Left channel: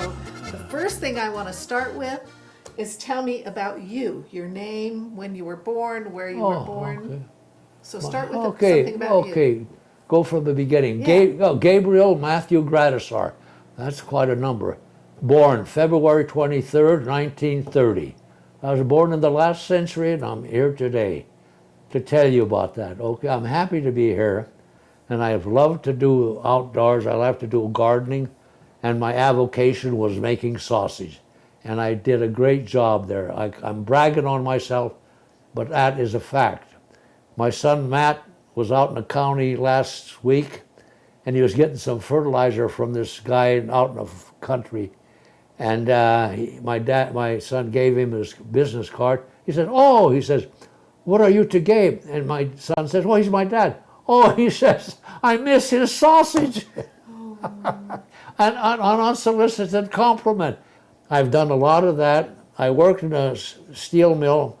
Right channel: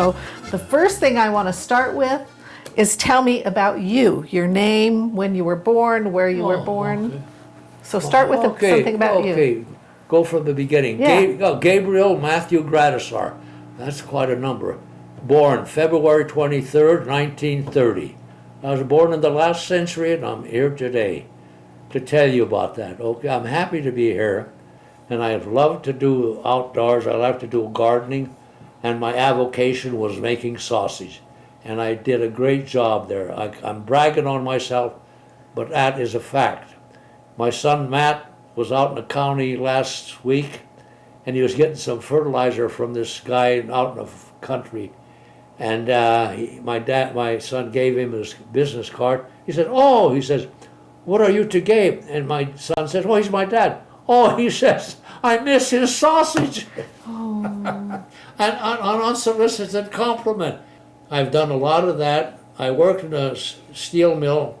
So the first thing I want to start with is tell me about you, your name, when you were born, where you were born. Okay. So start with something about you. Okay, go from the beginning. Yeah. Gabriel Matthew Gradisar. That's quite a number. Born February 23rd, 1930. I was born in the last century, and I'm here today to tell you about that. Okay, I'm happy to be here, and I've loved to do outdoors. I love to do gardening, and my avocation was making sausage, and I did a great job there. I'm bragging on myself, but that is a fact. My son Matt was out in the county last week, and he was getting some fertilizer from this guy out in the country. And my son gave him his business card. He said, "Oh," he says, "what are you to Gabe?" And my son says, "Well, he's my dad." "Oh," he says, "I miss his sausage." Oh. And an unsolicited compliment. I've done a lot of that. I worked in a steel mill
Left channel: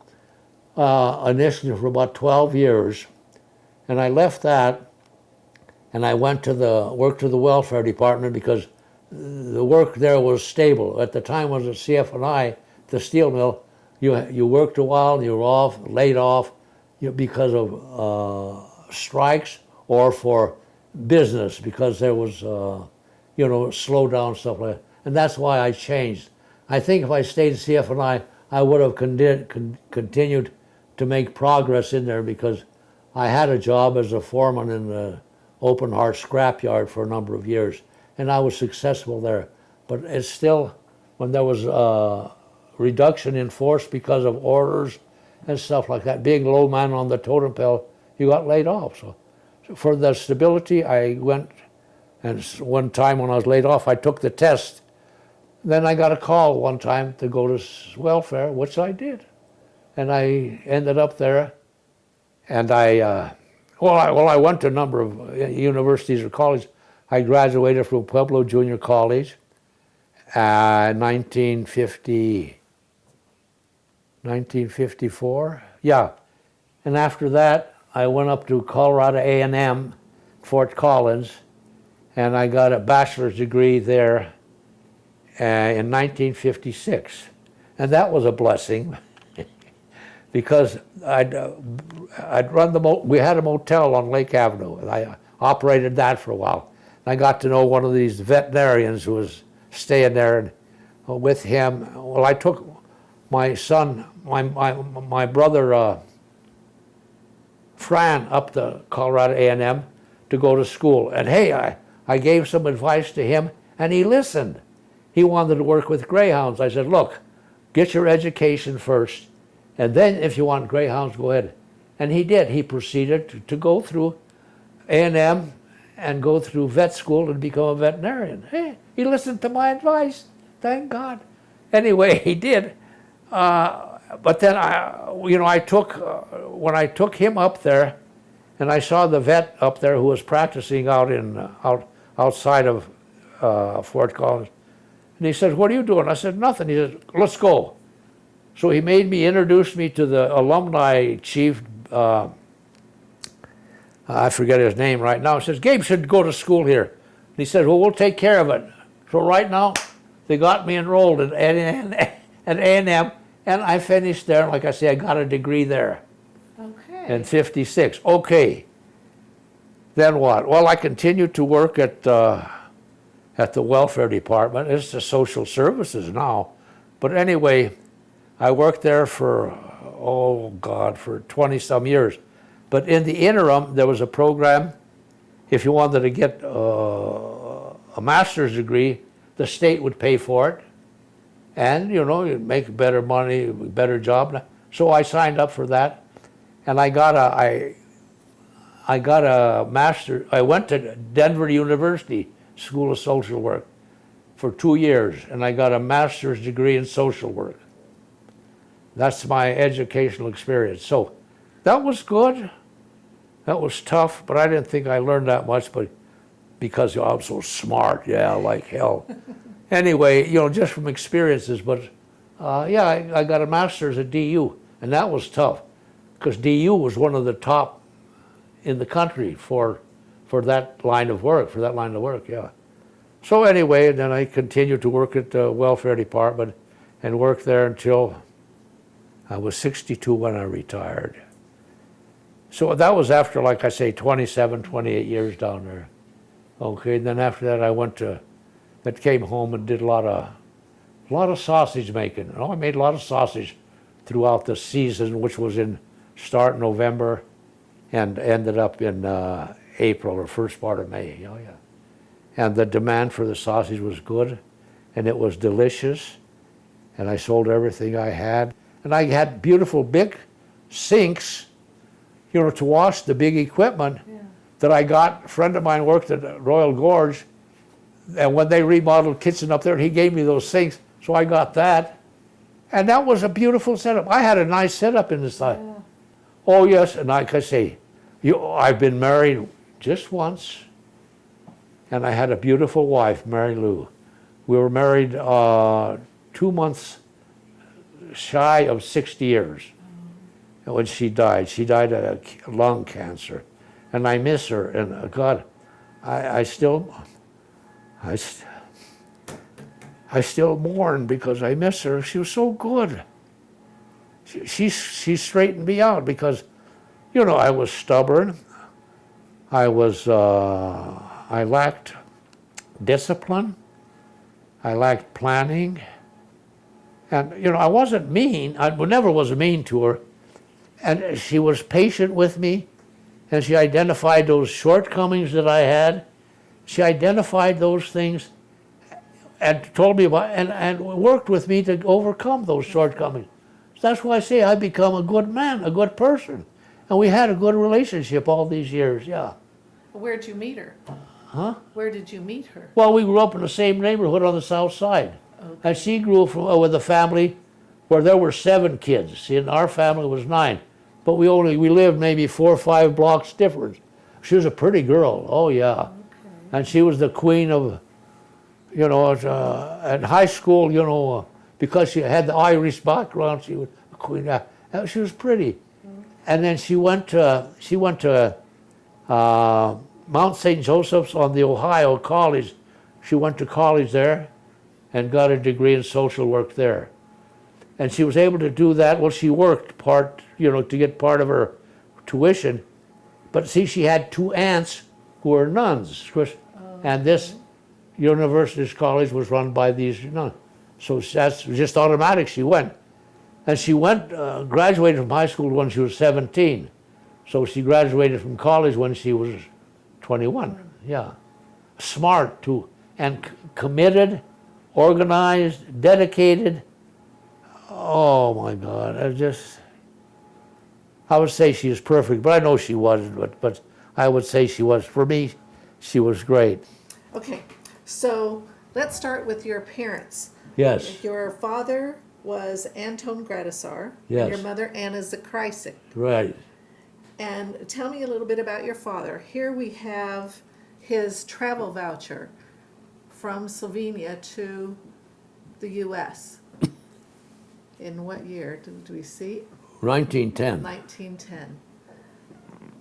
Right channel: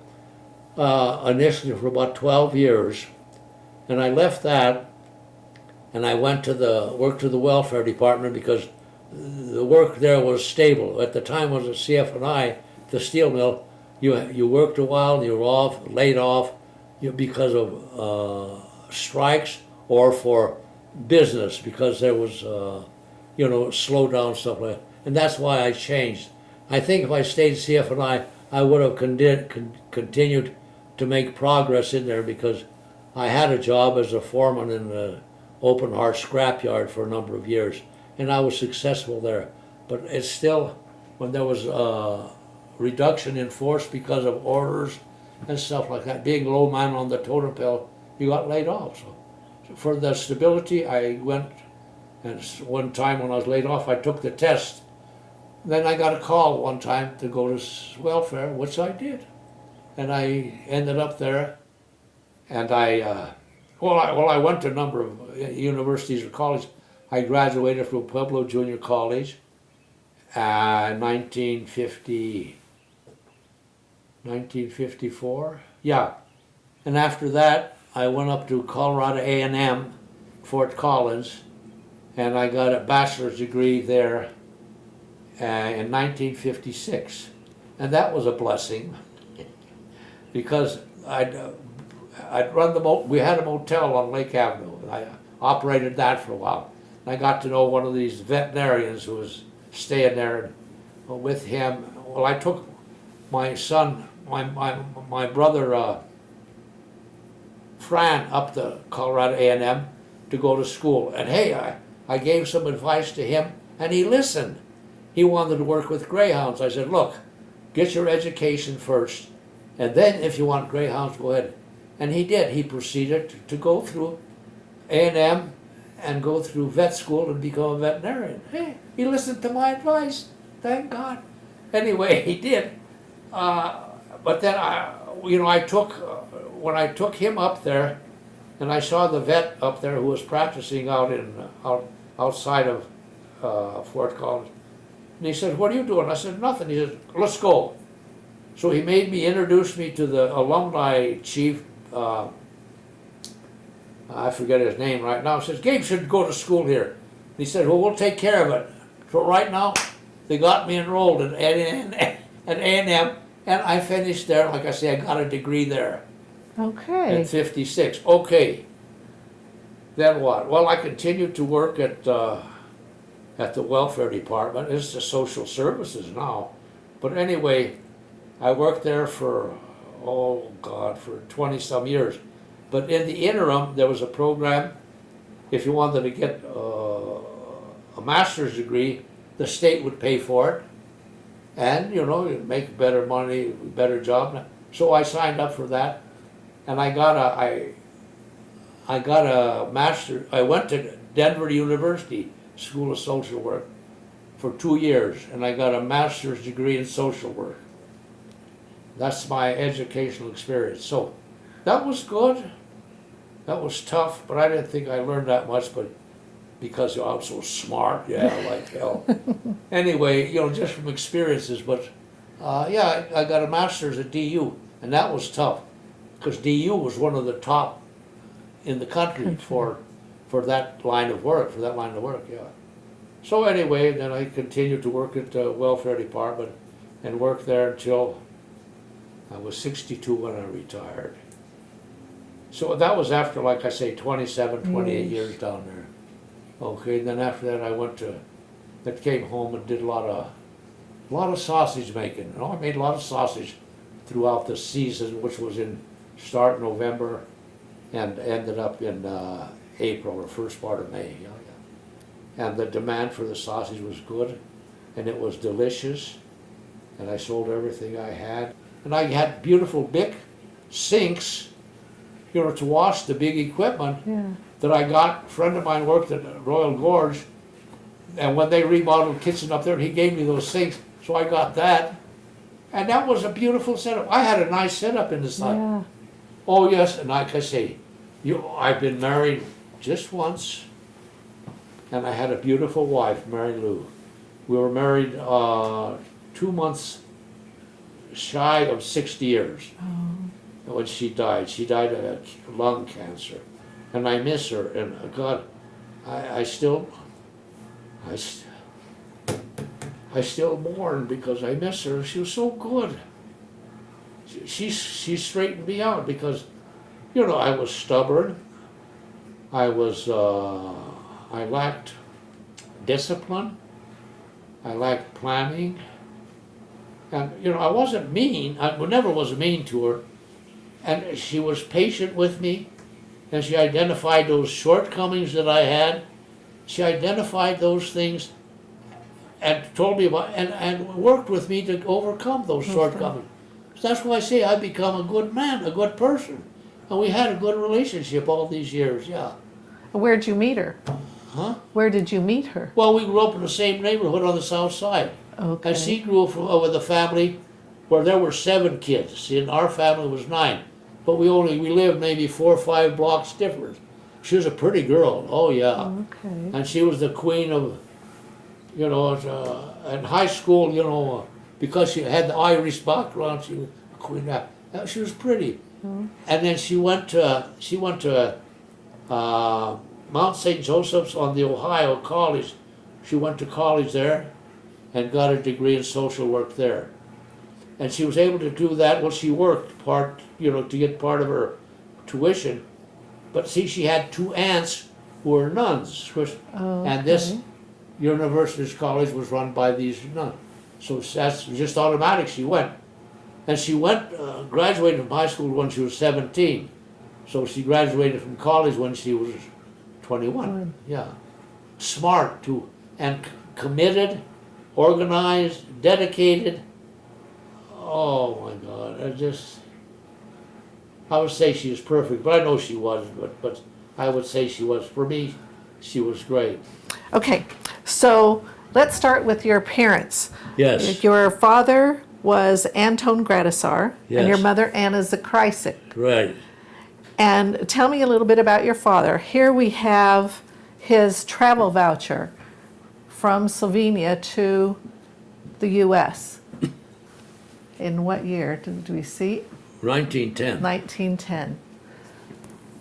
initially for about 12 years, and I left that, and I went to worked to the welfare department because the work there was stable. At the time, was at CF&I, the steel mill. You worked a while, you were laid off, because of strikes or for business, because there was slow down stuff like that. And that's why I changed. I think if I stayed CF&I would have continued to make progress in there, because I had a job as a foreman in the open heart scrapyard for a number of years, and I was successful there. But it's still, when there was a reduction in force because of orders and stuff like that, being low man on the totem pole, you got laid off. So for the stability, I went, and one time when I was laid off, I took the test. Then I got a call one time to go to welfare, which I did. And I ended up there, and I went to a number of universities or colleges. I graduated from Pueblo Junior College in 1954, yeah. And after that, I went up to Colorado A&M, Fort Collins, and I got a bachelor's degree there in 1956. And that was a blessing, because we had a motel on Lake Avenue, and I operated that for a while. I got to know one of these veterinarians who was staying there, and with him, well, I took my son, my brother Fran, up to Colorado A&M to go to school. And hey, I gave some advice to him, and he listened. He wanted to work with greyhounds. I said, "Look, get your education first, and then if you want greyhounds, go ahead." And he did. He proceeded to go through A&M and go through vet school and become a veterinarian. Hey, he listened to my advice. Thank God. Anyway, he did. But then when I took him up there, and I saw the vet up there who was practicing outside of Fort Collins, and he said, "What are you doing?" I said, "Nothing." He said, "Let's go." So he introduced me to the alumni chief. I forget his name right now. He says, "Gabe should go to school here." And he said, "Well, we'll take care of it." So right now, they got me enrolled at A&M, and I finished there. Like I say, I got a degree there. Okay. In 56. Okay. Then what? Well, I continued to work at the welfare department. It's the social services now. But anyway, I worked there for 20-some years. But in the interim, there was a program. If you wanted to get a master's degree, the state would pay for it. And, you'd make better money, better job. So I signed up for that. And I got a master. I went to Denver University School of Social Work for 2 years, and I got a master's degree in social work. That's my educational experience. So that was good. That was tough, but I didn't think I learned that much, but because I'm so smart, yeah, like hell. Anyway, just from experiences, but I got a master's at DU, and that was tough, because DU was one of the top in the country for that line of work, yeah. So anyway, then I continued to work at the welfare department and worked there until I was 62 when I retired. So that was after, like I say, 27, 28 years down there. Okay, and then after that I came home and did a lot of sausage making. I made a lot of sausage throughout the season, which was start in November and ended up in April or first part of May. Oh, yeah. And the demand for the sausage was good, and it was delicious, and I sold everything I had. And I had beautiful big sinks, to wash the big equipment that I got. A friend of mine worked at Royal Gorge, and when they remodeled kitchen up there, he gave me those sinks, so I got that. And that was a beautiful setup. I had a nice setup in the side. Yeah. Oh yes, and like I say, I've been married just once, and I had a beautiful wife, Mary Lou. We were married 2 months shy of 60 years. When she died of lung cancer, and I miss her. And God, I still mourn because I miss her. She was so good. She straightened me out because, I was stubborn. I lacked discipline. I lacked planning. And, I wasn't mean. I never was mean to her. And she was patient with me, and she identified those shortcomings that I had. She identified those things and told me about, and worked with me to overcome those shortcomings. So that's why I say I've become a good man, a good person. And we had a good relationship all these years, yeah. Where'd you meet her? Huh? Where did you meet her? Well, we grew up in the same neighborhood on the south side. Okay. And she grew up with a family where there were 7 kids. See, and our family was 9. But we lived maybe 4 or 5 blocks different. She was a pretty girl, oh yeah. Okay. And she was the queen of, in high school, because she had the Irish background, she was a queen. She was pretty. And then she went to Mount St. Joseph's on the Ohio College. She went to college there and got a degree in social work there. And she was able to do that. Well, she worked to get part of her tuition. But see, she had 2 aunts who were nuns. And this university's college was run by these nuns. So that's just automatic, she went. And she graduated from high school when she was 17. So she graduated from college when she was 21. Yeah. Smart, too. And committed, organized, dedicated. Oh my God, I would say she is perfect, but I know she wasn't, but I would say she was. For me, she was great. Okay, so let's start with your parents. Yes. Your father was Anton Gradisar, and your Yes. mother Anna Zakrisik. Right. And tell me a little bit about your father. Here we have his travel voucher from Slovenia to the U.S. In what year do we see? 1910. 1910.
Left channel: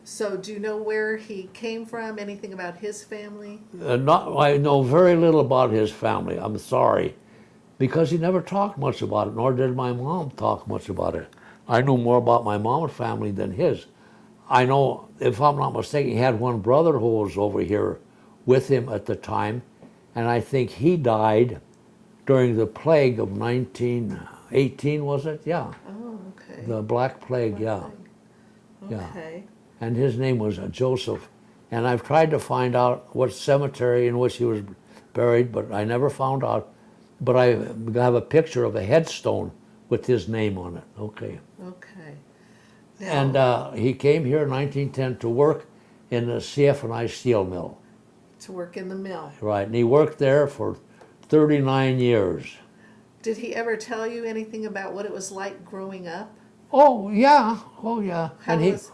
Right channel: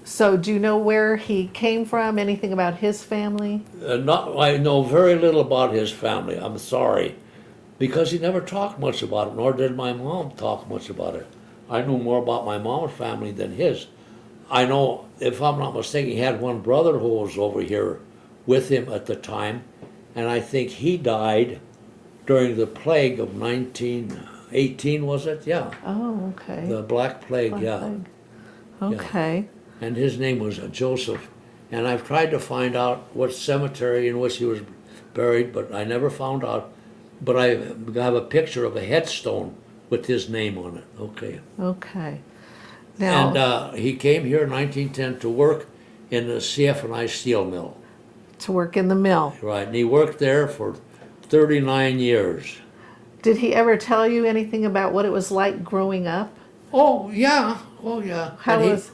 So do you know where he came from? Anything about his family? I know very little about his family, I'm sorry, because he never talked much about it, nor did my mom talk much about it. I knew more about my mom's family than his. I know, if I'm not mistaken, he had one brother who was over here with him at the time, and I think he died during the plague of 1918, was it? Yeah. Oh, okay. The Black Plague, yeah. Okay. And his name was Joseph. And I've tried to find out what cemetery in which he was buried, but I never found out. But I have a picture of a headstone with his name on it. Okay. Okay. Now, And he came here in 1910 to work in the CF&I steel mill. to work in the mill. Right, and he worked there for 39 years. Did he ever tell you anything about what it was like growing up? Oh, yeah. Oh, yeah. How And was-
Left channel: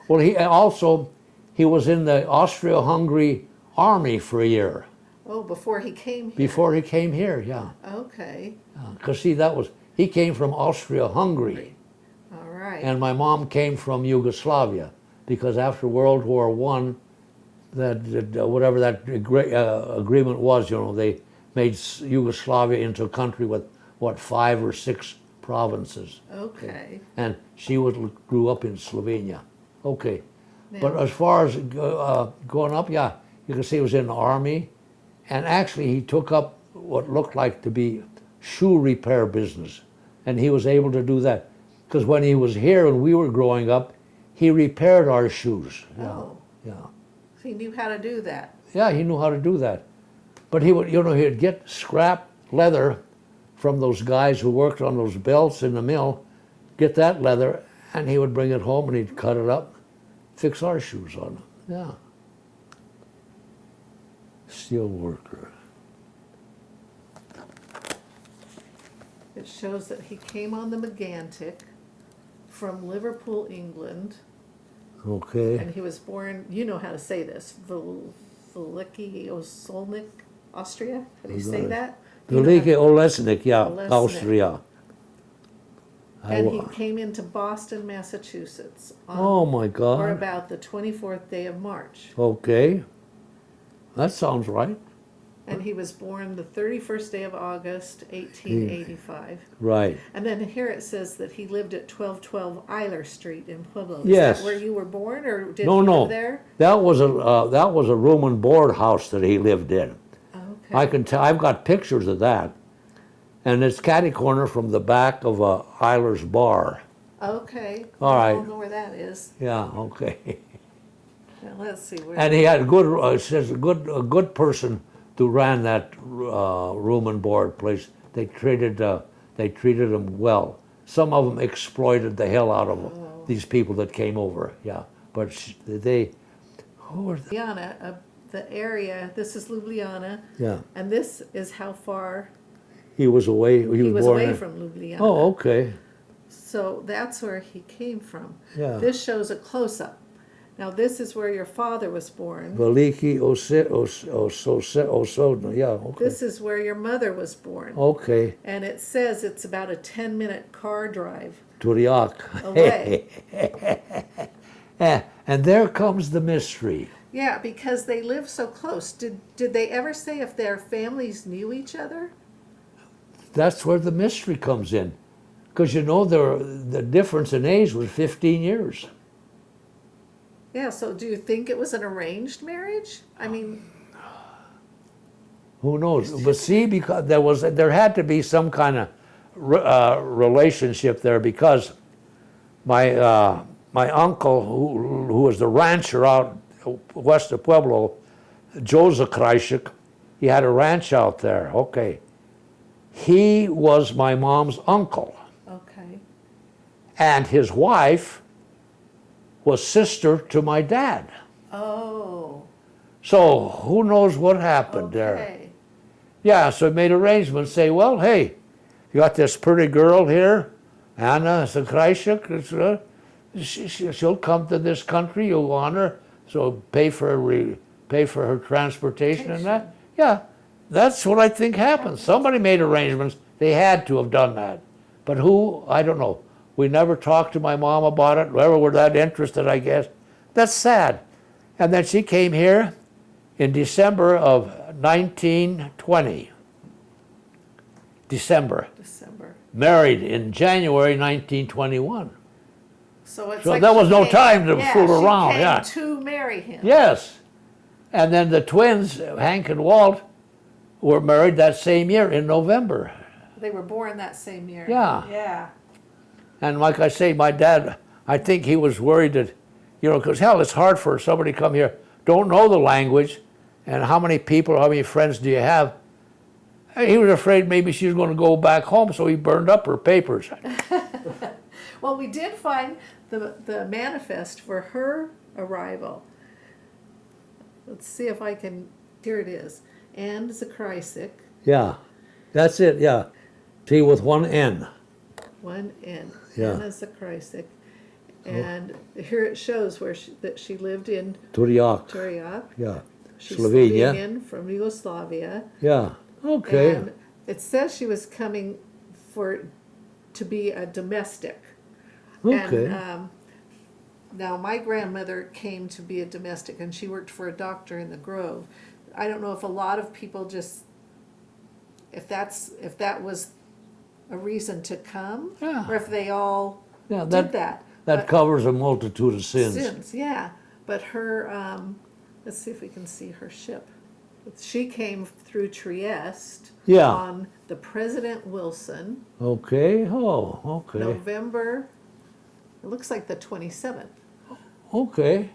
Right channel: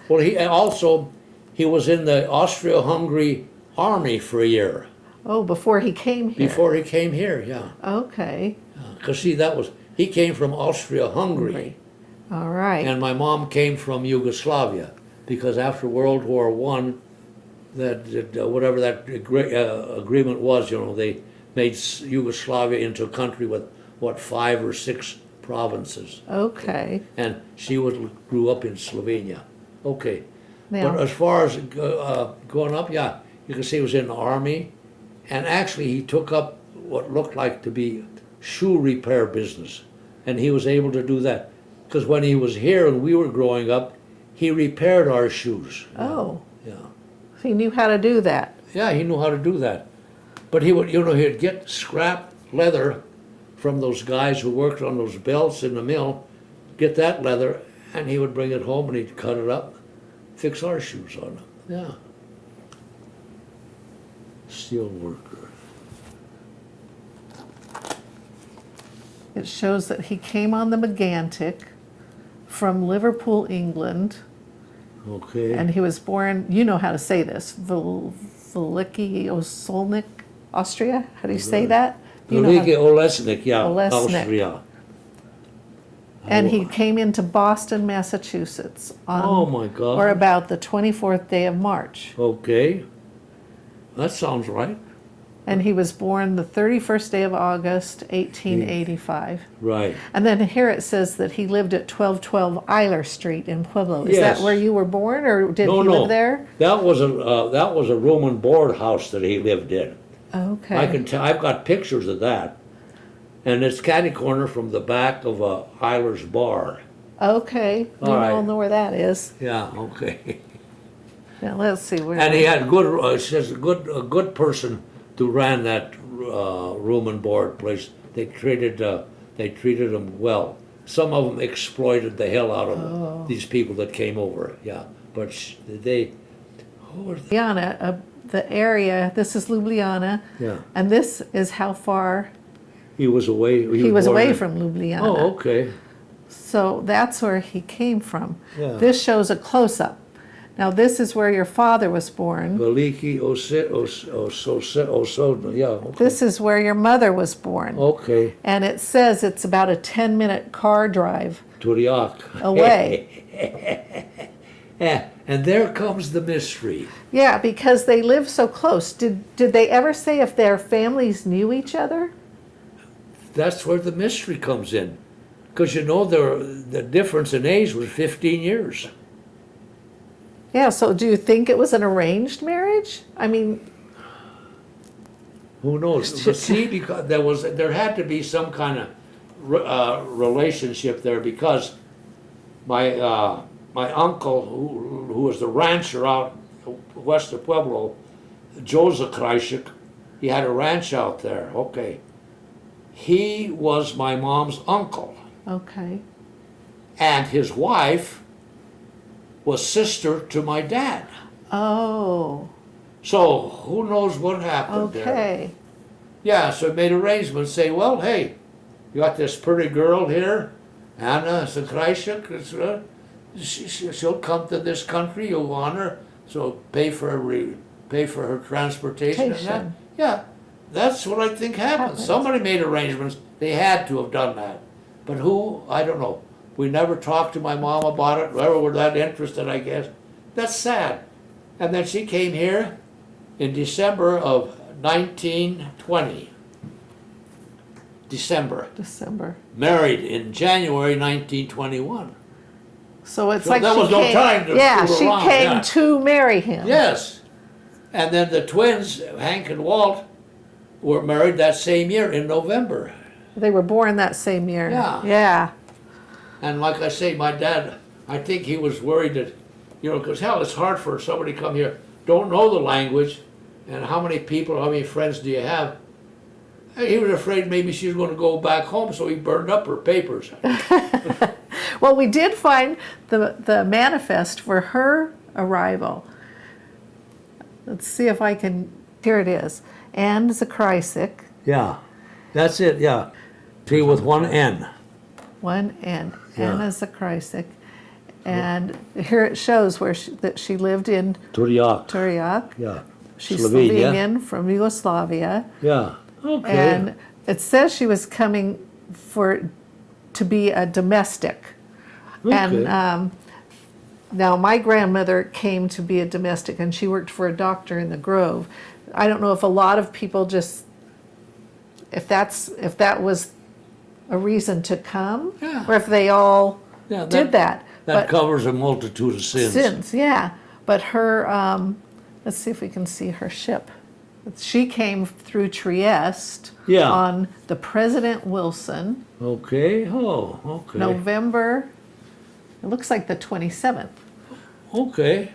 he was in the Austro-Hungary army for a year Oh, before he came here. before he came here, yeah. Okay. Because see, he came from Austria-Hungary, All right. and my mom came from Yugoslavia, because after World War I, whatever that agreement was, made Yugoslavia into a country with, what, 5 or 6 provinces. Okay. And she grew up in Slovenia. Okay. Now, But as far as going up, yeah, you can see he was in the army. And actually, he took up what looked like to be shoe repair business. And he was able to do that. Because when he was here and we were growing up, he repaired our shoes. oh, Yeah. he knew how to do that. Yeah, he knew how to do that. But he would, he'd get scrap leather from those guys who worked on those belts in the mill, get that leather, and he would bring it home and he'd cut it up, fix our shoes on it. Yeah. Steel worker. It shows that he came on the Megantic from Liverpool, England, Okay. and he was born, you know how to say this, Veliki Osolnik, Austria? How do you say that? You know how- Veliki Olesnik, yeah, Olesnik. Austria. And he came into Boston, Massachusetts on Oh my God. or about the 24th day of March. Okay. That sounds right. And he was born the 31st day of August, 1885. Right. And then here it says that he lived at 1212 Eiler Street in Pueblo. Is Yes. that where you were born, or did No, he no. live there? That was a room and board house that he lived in. Okay. I can tell. I've got pictures of that, and it's catty corner from the back of Eiler's bar. Okay. All We right. all know where that is. Yeah. Okay. Now let's see where. And he had good. It says a good person who ran that room and board place. They treated him well. Some of them exploited the hell out of these people that came over. Yeah. But they. Who were they? Ljubljana, the area. This is Ljubljana, Yeah. and this is how far He was away. he was born away in- from Ljubljana. Oh, okay. So that's where he came from. Yeah. This shows a close-up. Now this is where your father was born. Veliki Osodno, yeah, okay. This is where your mother was born. Okay, And it says it's about a 10-minute car drive Turiak. away. And there comes the mystery. Yeah, because they live so close. Did they ever say if their families knew each other? That's where the mystery comes in. Because the difference in age was 15 years. Yeah, so do you think it was an arranged marriage? I mean, Who knows? But see, because there had to be some kind of relationship there, because my uncle, who was the rancher out west of Pueblo, Joseph Kreisik, he had a ranch out there. Okay. He was my mom's uncle. okay. And his wife was sister to my dad. Oh, So who knows what happened there? okay. Yeah, so he made arrangements, say, well, hey, you got this pretty girl here, Anna Zakrajcik, she'll come to this country, you'll want her, so pay for her transportation and that. Tation. Yeah, that's what I think happened. Happened. Somebody made arrangements, they had to have done that. But who, I don't know. We never talked to my mom about it, never were that interested, I guess. That's sad. And then she came here in December of 1920. December. Married in January 1921. So it's So like there she was no came- time to yeah, fool she around, came yeah. to marry him. Yes. And then the twins, Hank and Walt, were married that same year in November. They were born that same year. Yeah. Yeah. And like I say, my dad, I think he was worried that, because hell, it's hard for somebody to come here, don't know the language, and how many people, how many friends do you have? He was afraid maybe she was going to go back home, so he burned up her papers. Well, we did find the manifest for her arrival. Let's see if I can. Here it is. Anne Zakrajcik, Yeah, that's it, yeah. See, with one N. one N. Yeah. Anna Zakrajcik. And here it shows that she lived in Turiak. Turiak. Yeah. She's Slovenia. Slovenian from Yugoslavia. Yeah, okay. And it says she was coming to be a domestic. And now my grandmother came to be a domestic, and she worked for a doctor in the Grove. I don't know if a lot of people just if that was a reason to come, Yeah. or if they all Yeah, did that. That But covers a multitude of sins. yeah. But her, let's see if we can see her ship. She came through Trieste Yeah. on the President Wilson, Okay. Oh, okay. November, it looks like the 27th. Okay.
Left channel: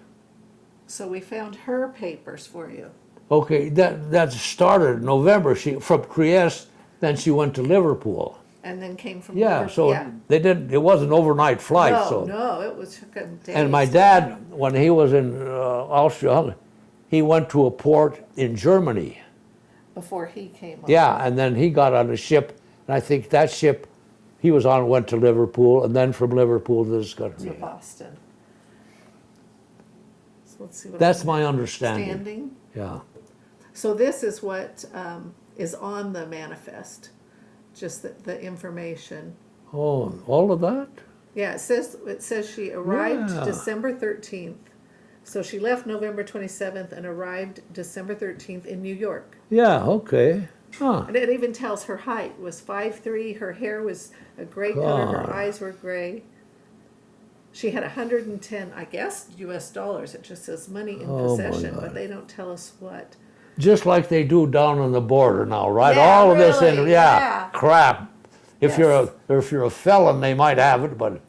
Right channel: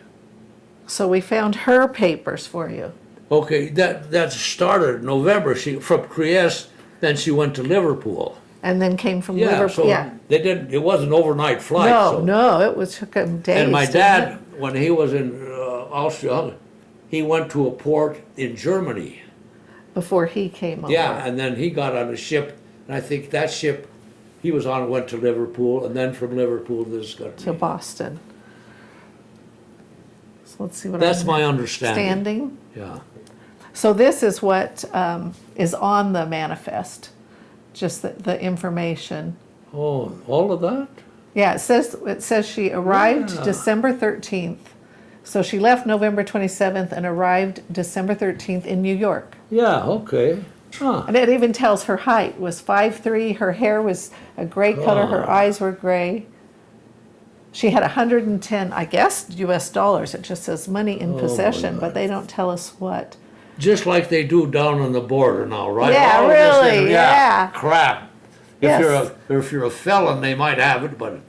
So we found her papers for you. Okay. That started in November. She from Trieste, then she went to Liverpool. And then came from Yeah. Liverpool. So they didn't. It wasn't an overnight flight. No, so. no, it was took him days. And my to dad, get- when he was in Austria, he went to a port in Germany. before he came over. Yeah, and then he got on a ship, and I think that ship he was on went to Liverpool, and then from Liverpool to this To country. Boston. So let's see what That's I'm my understanding. standing. Yeah. So this is what is on the manifest, just the information. Oh, all of that? Yeah, it says she arrived Yeah. December 13th. So she left November 27th and arrived December 13th in New York. Yeah. Okay. Huh. And it even tells her height was 5'3", her hair was a gray color, her God. eyes were gray. She had 110, I guess, US dollars. It just says money in Oh, my possession, God. but they don't tell us what. Just like they do down on the border now, right? Yeah, All of this really, is, yeah. crap. Yes. If you're a felon, they might have it, but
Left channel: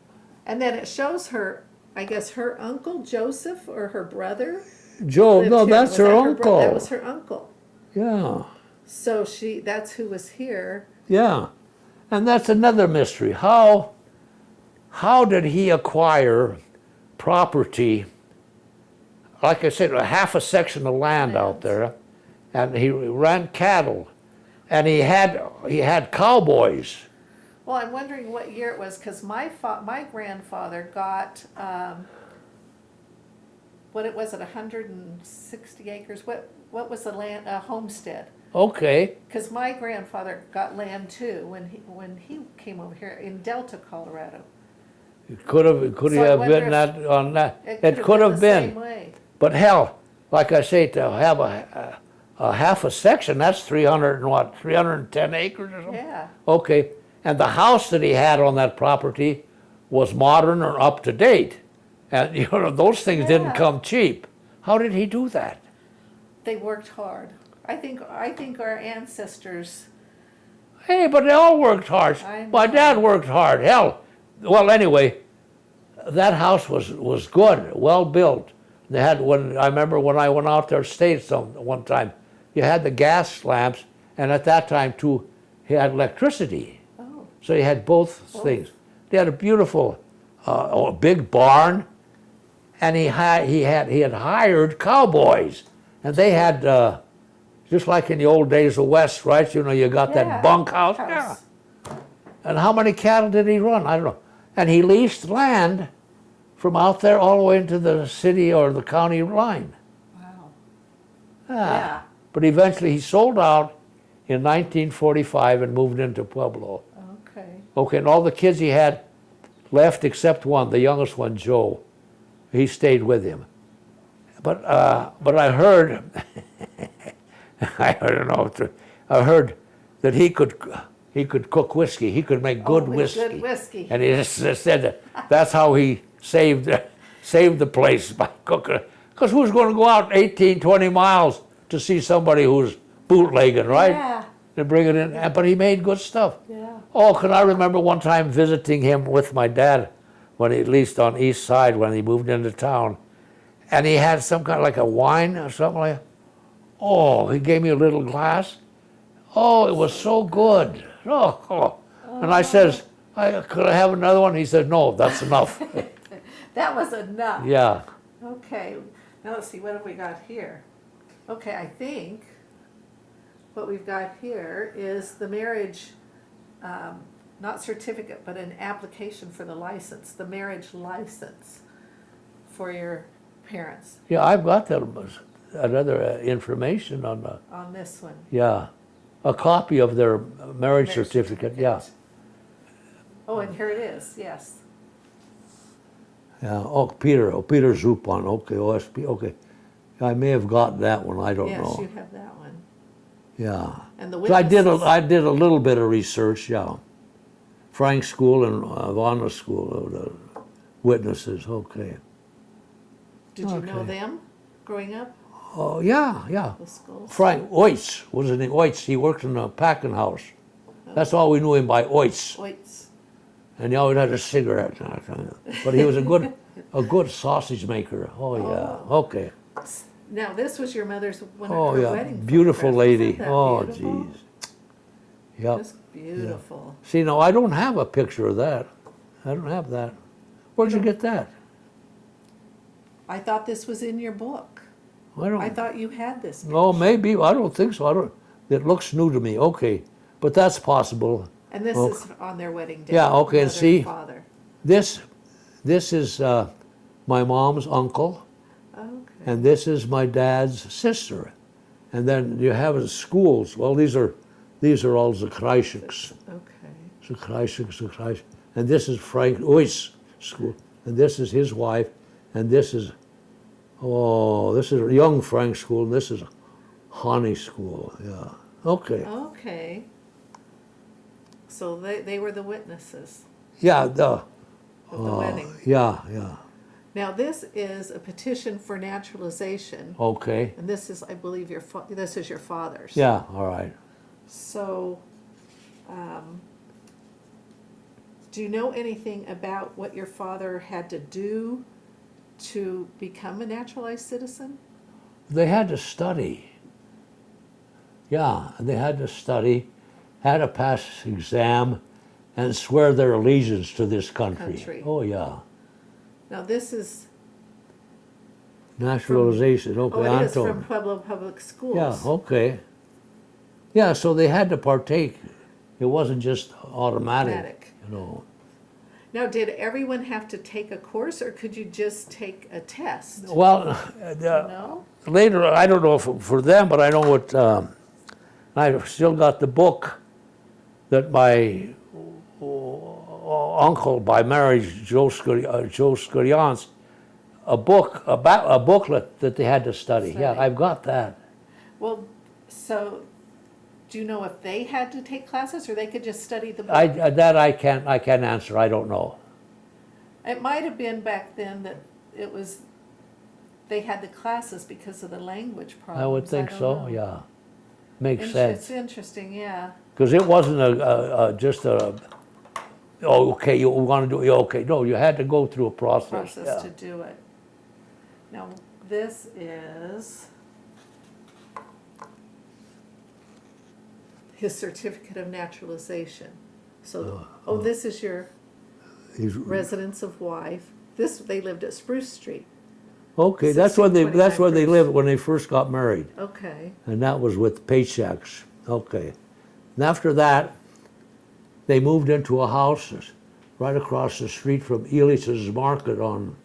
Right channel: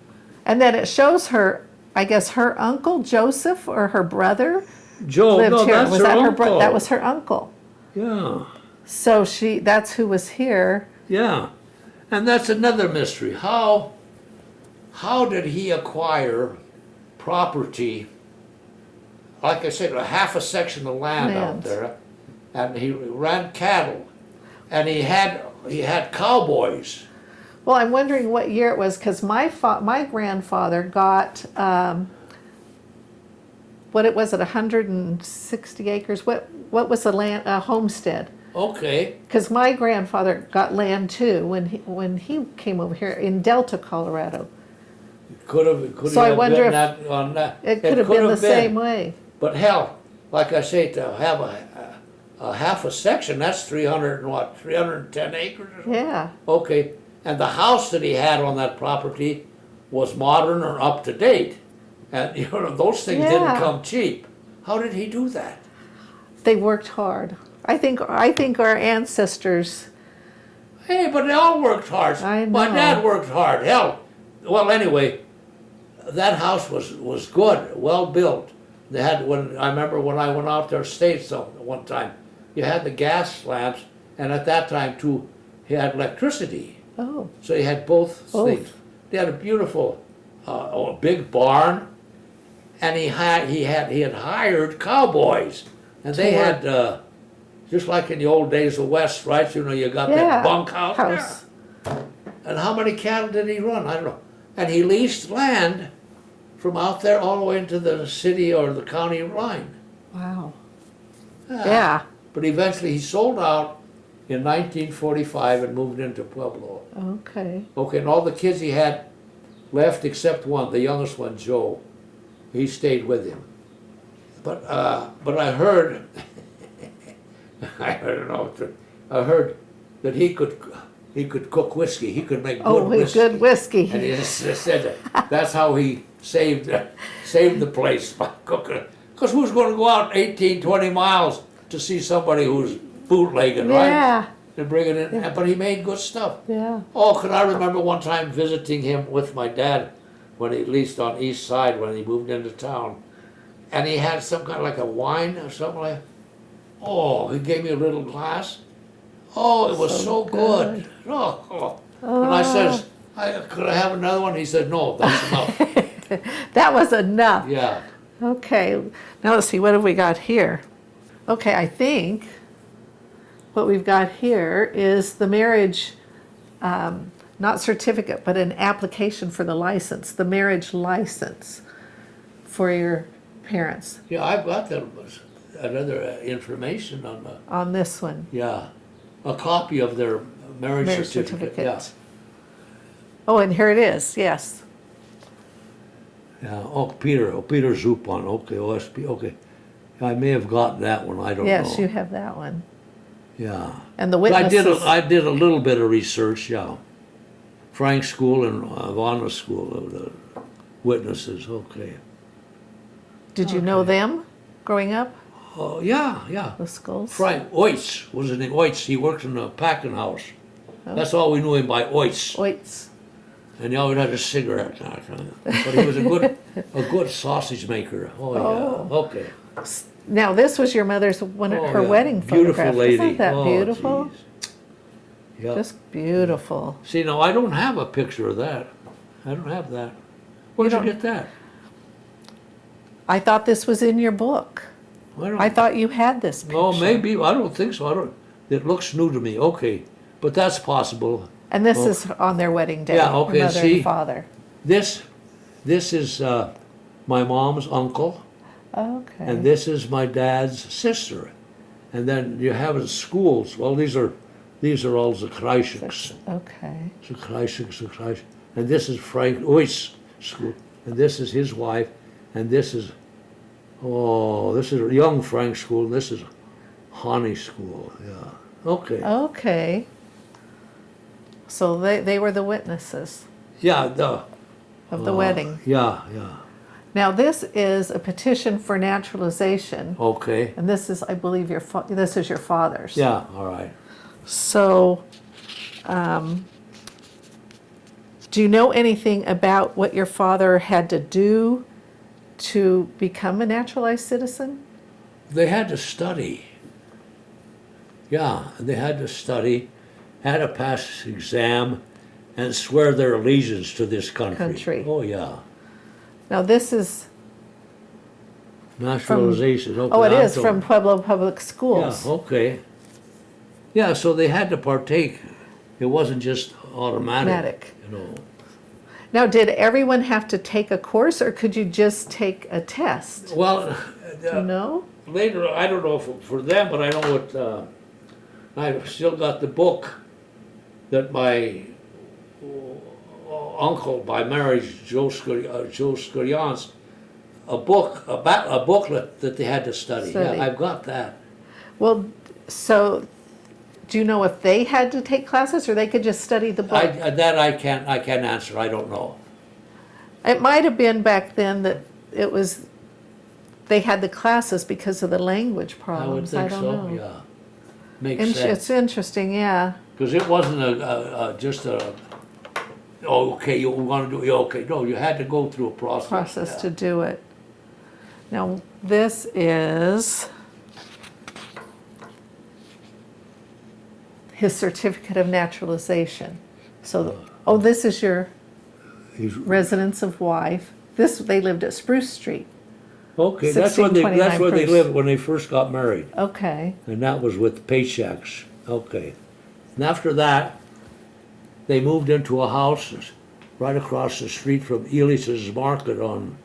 And then it shows her, I guess her uncle Joseph or her brother Joe, lived no, here. that's Was her that uncle. that was her uncle. Yeah. So that's who was here. Yeah, and that's another mystery. How did he acquire property? Like I said, a half a section of land out Land. there, and he ran cattle, and he had cowboys. Well, I'm wondering what year it was because my grandfather got what it was at 160 acres. What was the land homestead? Okay, Because my grandfather got land too when he came over here in Delta, Colorado. could So I have wonder been if that on that. It could have been the same way. But hell, like I say, to have a half a section, that's 310 acres or something. Yeah. Okay, and the house that he had on that property was modern or up to date. And those things didn't Yeah. come cheap. How did he do that? They worked hard. I think our ancestors. Hey, but they all worked hard. I My know. dad worked hard. Hell, well, anyway, that house was good, well built. They had I remember when I went out there States one time, you had the gas lamps, and at that time too, he had electricity. Oh, So he had both Both. things. They had a beautiful, big barn, and he had hired cowboys, and they had just like in the old days of West, right? You got yeah. that bunkhouse. House. Yeah. And how many cattle did he run? I don't know. And he leased land from out there all the way into the city or the county line. Wow. Yeah. Yeah. But eventually he sold out in 1945 and moved into Pueblo. Okay. Okay, and all the kids he had left except one, the youngest one, Joe. He stayed with him. But I heard, I don't know, I heard that he could cook whiskey. He could make good whiskey. Good whiskey. And he just said that's how he saved the place by cooking. Because who's going to go out 18, 20 miles to see somebody who's bootlegging, right? Yeah. And bring it in. But he made good stuff. Yeah. Oh, can I remember one time visiting him with my dad, when he, at least on East Side, when he moved into town, and he had some kind of like a wine or something like that. Oh, he gave me a little glass. Oh, it was so good. Oh. And I says, could I have another one? He said, no, that's enough. That was enough. Yeah. Okay. Now let's see, what have we got here? Okay, I think what we've got here is the marriage, not certificate, but an application for the license, the marriage license for your parents Yeah, I've got that another information on this one. yeah, a copy of their marriage certificate. Yeah. Oh, and here it is, yes. Yeah. Oh, Peter Zupan. Okay, OSP. Okay. I may have gotten that one. I don't know. Yes, you have that one. Yeah. And the I witnesses. did a little bit of research, yeah. Frank's school and Vanna's school of the witnesses, okay. Did you know them growing up? Oh, yeah, yeah. The schools? Frank Oitz was his name. Oitz, he worked in a packing house. That's all we knew him by, Oitz. Oitz. And he always had a cigarette. But he was a good sausage maker. Oh, yeah. Okay. Now this was your mother's her Yeah. wedding Beautiful photograph. lady. Isn't that Oh, beautiful? geez. Yep. Just beautiful. See, now I don't have a picture of that. I don't have that. Where'd you don't- get that? I thought this was in your book. I thought you had this picture. Oh, maybe. I don't think so. It looks new to me. Okay. But that's possible. And this is on their wedding day. Yeah, okay, Your mother see? and father. This is my mom's uncle, Okay. and this is my dad's sister. And then you have the schools. Well, these are all the Kreischiks. Okay. And this is Frank Oitz school. And this is his wife. And this is young Frank school. And this is Hani school. Yeah. Okay. Okay. So they were the witnesses Yeah. of the wedding. Yeah. Now this is a petition for naturalization, Okay. and this is, I believe, this is your father's. Yeah. All right. So, do you know anything about what your father had to do to become a naturalized citizen? They had to study. Yeah, they had to study, had to pass exam, and swear their allegiance to this country. Oh, yeah. Now this is, Naturalization. Okay, oh, it I is thought- from Pueblo Public Yeah, Schools. okay. Yeah, so they had to partake. It wasn't just automatic. Automatic. You know. Now, did everyone have to take a course, or could you just take a test? Well, Do you know? later, I don't know if for them, but I know what, I've still got the book that my uncle by marriage, Joe Scurians, a booklet that they had to study. Study. Yeah, I've got that. Well, so do you know if they had to take classes, or they could just study the book? I can't answer. I don't know. It might have been back then that it was, they had the classes because of the language I would problems. think don't so. know. Yeah, makes sense. It's interesting, yeah. Because it wasn't just a. Oh, okay. You want to do? Okay. No, you had to go through a process. Yeah. To do it. Now, this is his certificate of naturalization. So, this is your He's- residence of wife. They lived at Spruce Street. Okay, that's where they 1629 lived when they first got married, Okay. and that was with paychecks. Okay, and after that, they moved into a house right across the street from Elias's Market on,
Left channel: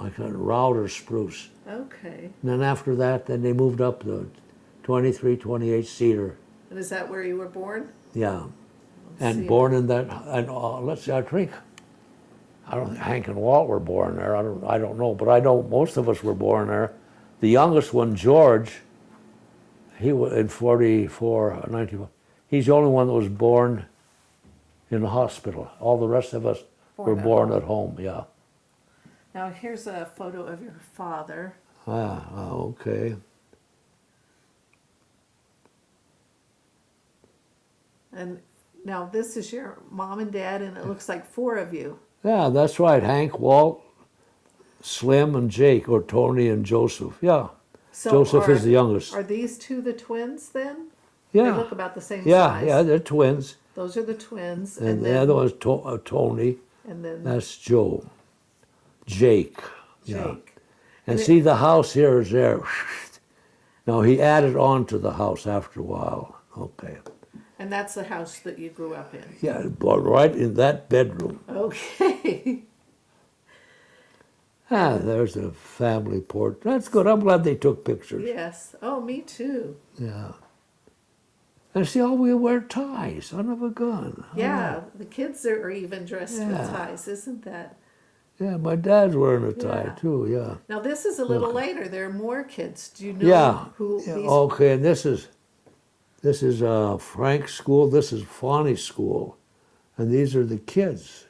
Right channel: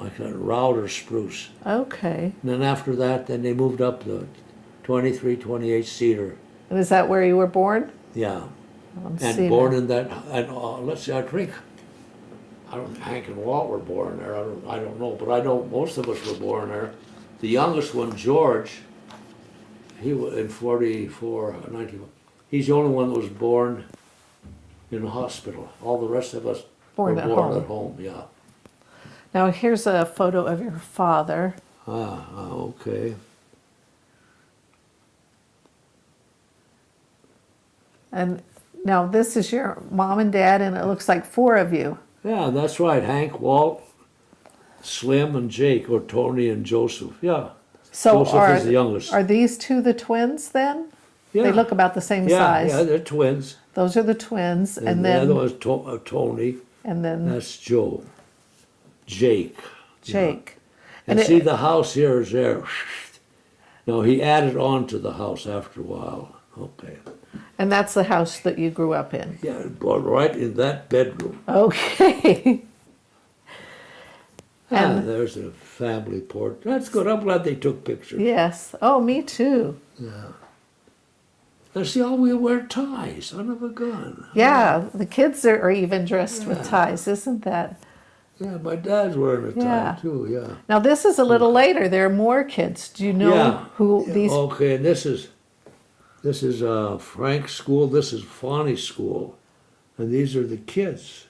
like a Router Spruce. Okay. And then after that, then they moved up the 23, 28 Cedar. And is that where you were born? Yeah, On and Cedar. born in that. And let's see, I think. Hank and Walt were born there. I don't know, but I know most of us were born there. The youngest one, George, he was in 44, 19. He's the only one that was born in the hospital. All the rest of us Born were at born home. at home. Yeah. Now, here's a photo of your father. Okay. And now this is your mom and dad, and it looks like 4 of you. Yeah, that's right. Hank, Walt, Slim, and Jake, or Tony and Joseph. Yeah. So Joseph is the youngest. Are these 2 the twins then? Yeah. They look about the same Yeah, size. yeah, they're twins. Those are the twins, And, and the then other was Tony. and then That's Joe. Jake. Jake. And And see, the house here is there. Now, he added on to the house after a while. Okay. And that's the house that you grew up in. Yeah, but right in that bedroom. Okay. Ah, And- there's a family portrait. That's good. I'm glad they took pictures. Yes. Oh, me too. Yeah. And see, all we wear ties, son of a gun. Yeah, the kids are even dressed with Yeah. ties, isn't that? Yeah, my dad's wearing a tie Yeah. too, yeah. Now this is a little later. There are more kids. Do you know Yeah. who Yeah, these? Okay, and this This is Frank's school. This is Fonny's school. And these are the kids.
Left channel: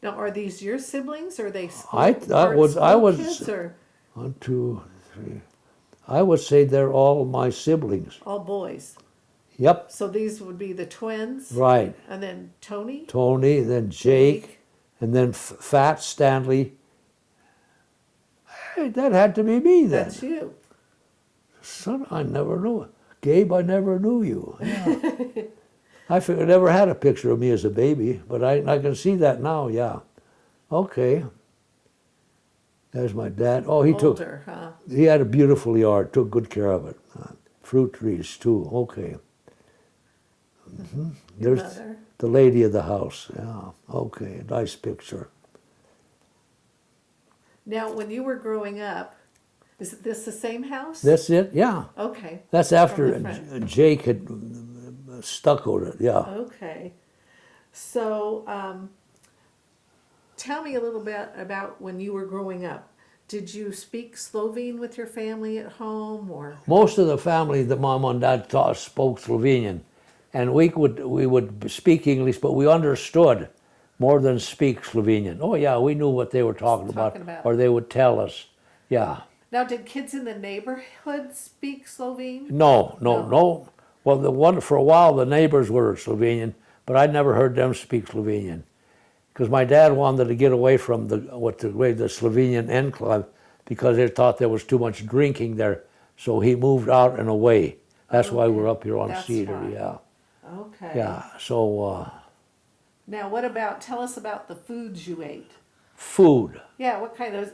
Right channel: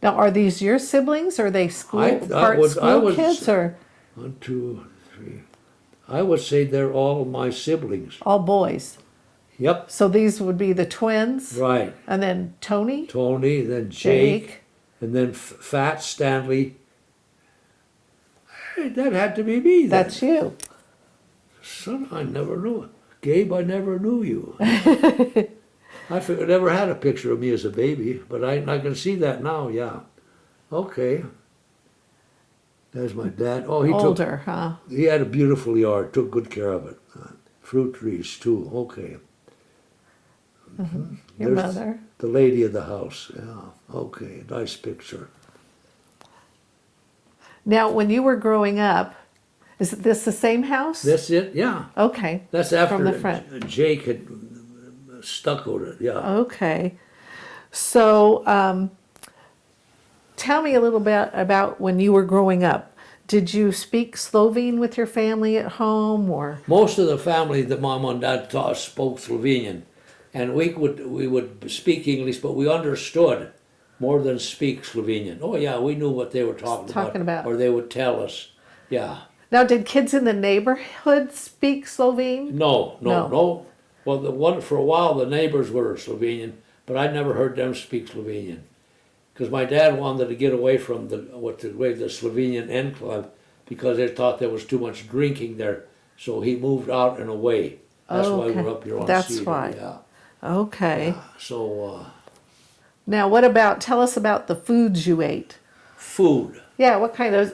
Now, are these your siblings? Or are they school, I school kids? Or 1, 2, 3. I would say they're all my siblings. all boys? Yep. So these would be the twins? Right. And then Tony? Tony, then Jake, and then Fat Stanley. Hey, that had to be me then. That's you. Son, I never knew it. Gabe, I never knew you. I figured I never had a picture of me as a baby, but I can see that now, yeah. Okay. There's my dad. Oh, Older, huh? he had a beautiful yard, took good care of it. Fruit trees too, okay. Your There's mother? the lady of the house, yeah, okay, nice picture. Now, when you were growing up, is this the same house? That's it, yeah. Okay. That's after From the front. Jake had stuccoed it, yeah. Okay. So, tell me a little bit about when you were growing up. Did you speak Slovene with your family at home, or? Most of the family, the mom and dad spoke Slovenian, and we would speak English, but we understood more than speak Slovenian. Oh yeah, we knew what they were talking about, or they would tell us. Yeah. Now, did kids in the neighborhood speak Slovene? No. No. Well, for a while the neighbors were Slovenian, but I never heard them speak Slovenian, because my dad wanted to get away from the Slovenian enclave, because they thought there was too much drinking there, so he moved out and away. That's why we're up here on That's Cedar. why. Yeah. Okay. Yeah. So Now, tell us about the foods you ate. food. Yeah,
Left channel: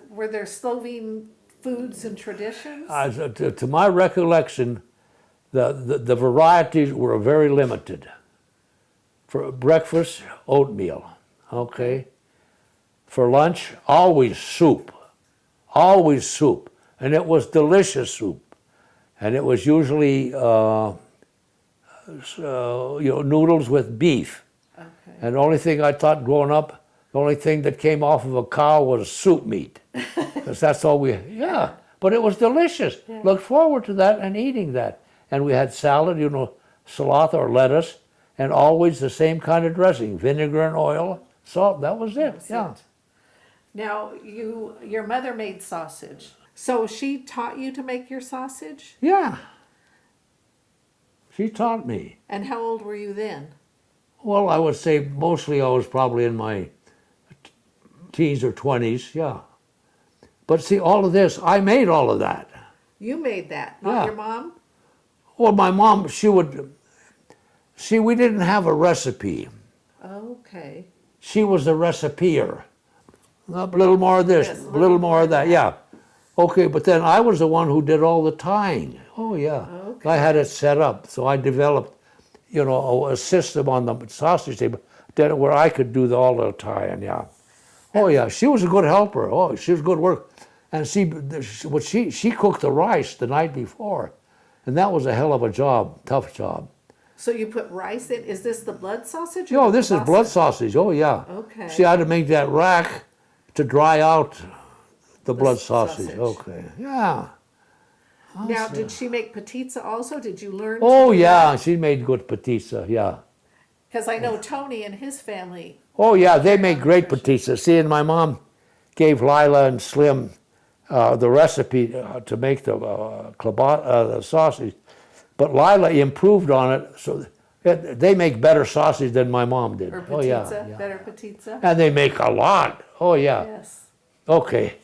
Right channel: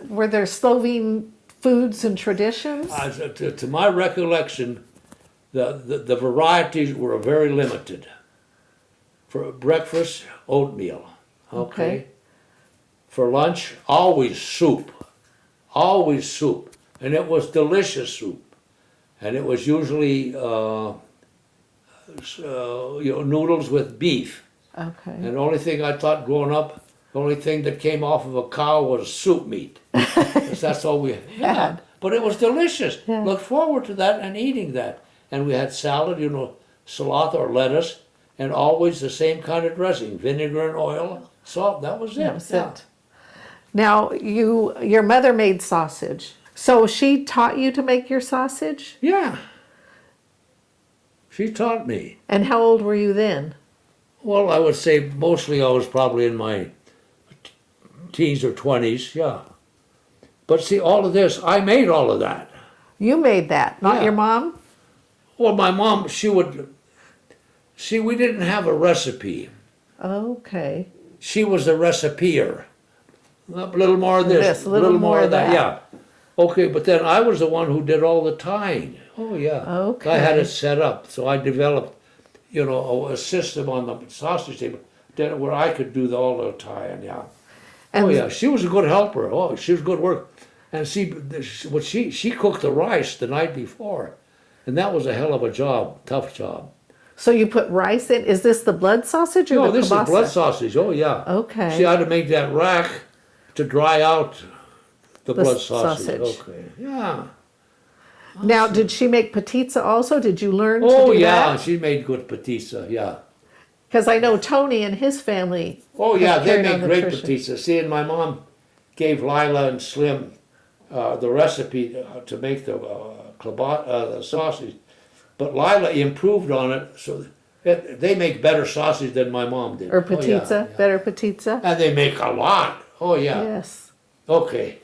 were there Slovene foods and traditions? To my recollection, the varieties were very limited. For breakfast, oatmeal. Okay. For lunch, always soup. Always soup. And it was delicious soup. And it was usually noodles with beef. Okay. And the only thing I thought growing up, the only thing that came off of a cow was soup meat. 'Cause that's all we had. But it was delicious. Yeah. Looked forward to that and eating that. And we had salad, salad or lettuce, and always the same kind of dressing, vinegar and oil, salt. That was it. That was it. Now, your mother made sausage. So she taught you to make your sausage? Yeah. She taught me. And how old were you then? Well, I would say mostly I was probably in my teens or 20s, yeah. But see, all of this, I made all of that. You made that, not Yeah. your mom? Well, my mom, we didn't have a recipe. Okay. She was the recipeer. A little more of this, a a little more of that, yeah. Okay, but then I was the one who did all the tying. Oh, yeah. Okay. I had it set up, so I developed, a system on the sausage table where I could do all the tying, yeah. Oh, yeah, she was a good helper. Oh, she was good work. And she cooked the rice the night before, and that was a hell of a job, tough job. So you put rice in? Is this the blood sausage or Oh, the this is kielbasa? blood sausage. Oh, yeah. Okay. She had to make that rack to dry out the blood sausage. Okay, yeah. Now, did she make patizza also? Did you learn Oh, to do yeah, that? she made good patizza, yeah. Because I know Tony and his family. Oh, yeah, they carried make on the great tradition. patizza. See, and my mom gave Lila and Slim the recipe to make the sausage. But Lila improved on it, so they make better sausage than my mom did. Or Oh, yeah, patizza, yeah. better patizza. And they make a lot. Oh, yeah. Yes. Okay.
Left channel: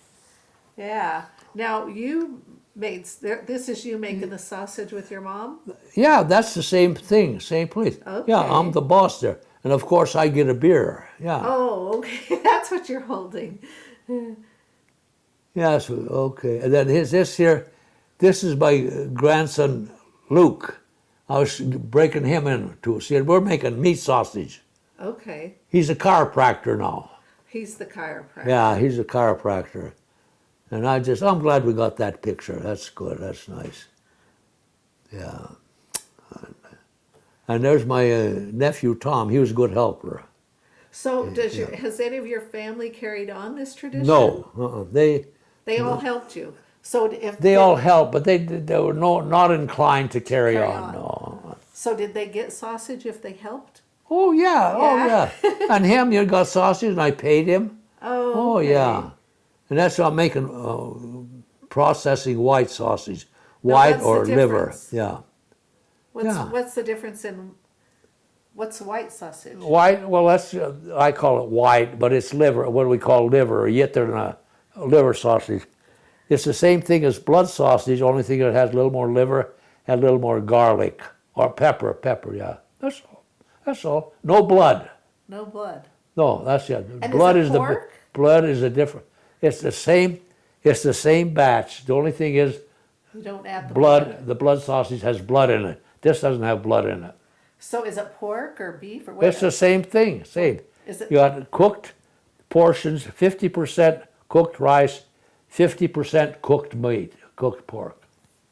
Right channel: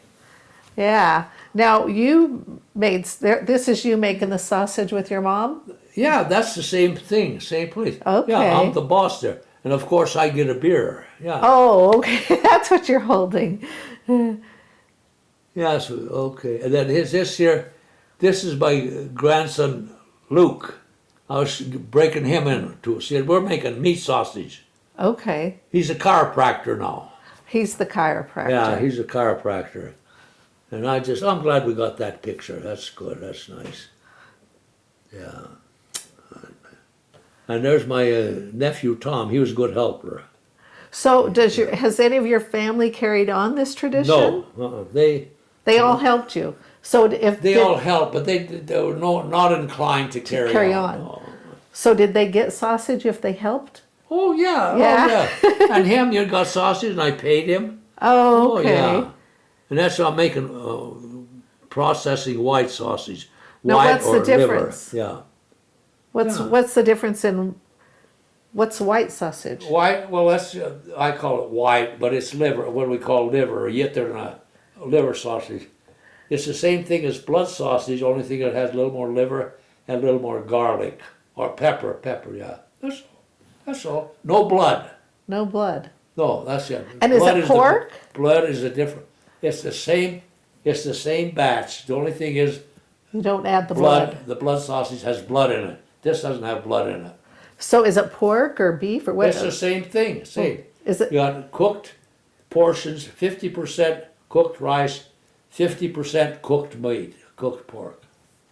Yeah. Now this is you making the sausage with your mom? Yeah, that's the same thing, same place. Okay. Yeah, I'm the boss there. And of course I get a beer. Yeah. Oh, okay. That's what you're holding. Yeah, so, okay. And then this is my grandson Luke. I was breaking him in too. See, we're making meat sausage. Okay. He's a chiropractor now. He's the chiropractor. Yeah, he's a chiropractor. And I'm glad we got that picture. That's good, that's nice. Yeah. And there's my nephew Tom. He was a good helper. So has any of your family carried on this tradition? No, They all helped you. So if they all helped, but they were not inclined to carry on. on. No. So did they get sausage if they helped? Oh yeah, Yeah. oh yeah. And him, you got sausage, and I paid him. Oh, okay. Oh yeah. And that's how I'm making processing white sausage, Now, white what's the or liver. difference? Yeah. What's Yeah. what's the difference in what's white sausage? White. Well, that's I call it white, but it's liver. What we call liver, or yet they're not liver sausage. It's the same thing as blood sausage. Only thing it has a little more liver and a little more garlic or pepper. Pepper. Yeah. That's all. That's all. No blood. No blood. No, that's it. And blood is it pork? Blood is a different. It's the same. It's the same batch. The only thing is You don't add the blood. The blood sausage has blood in it. This doesn't have blood in it. So is it pork or beef or what? It's the same thing. Same. Is it? You got cooked portions, 50% cooked rice, 50% cooked meat, cooked pork.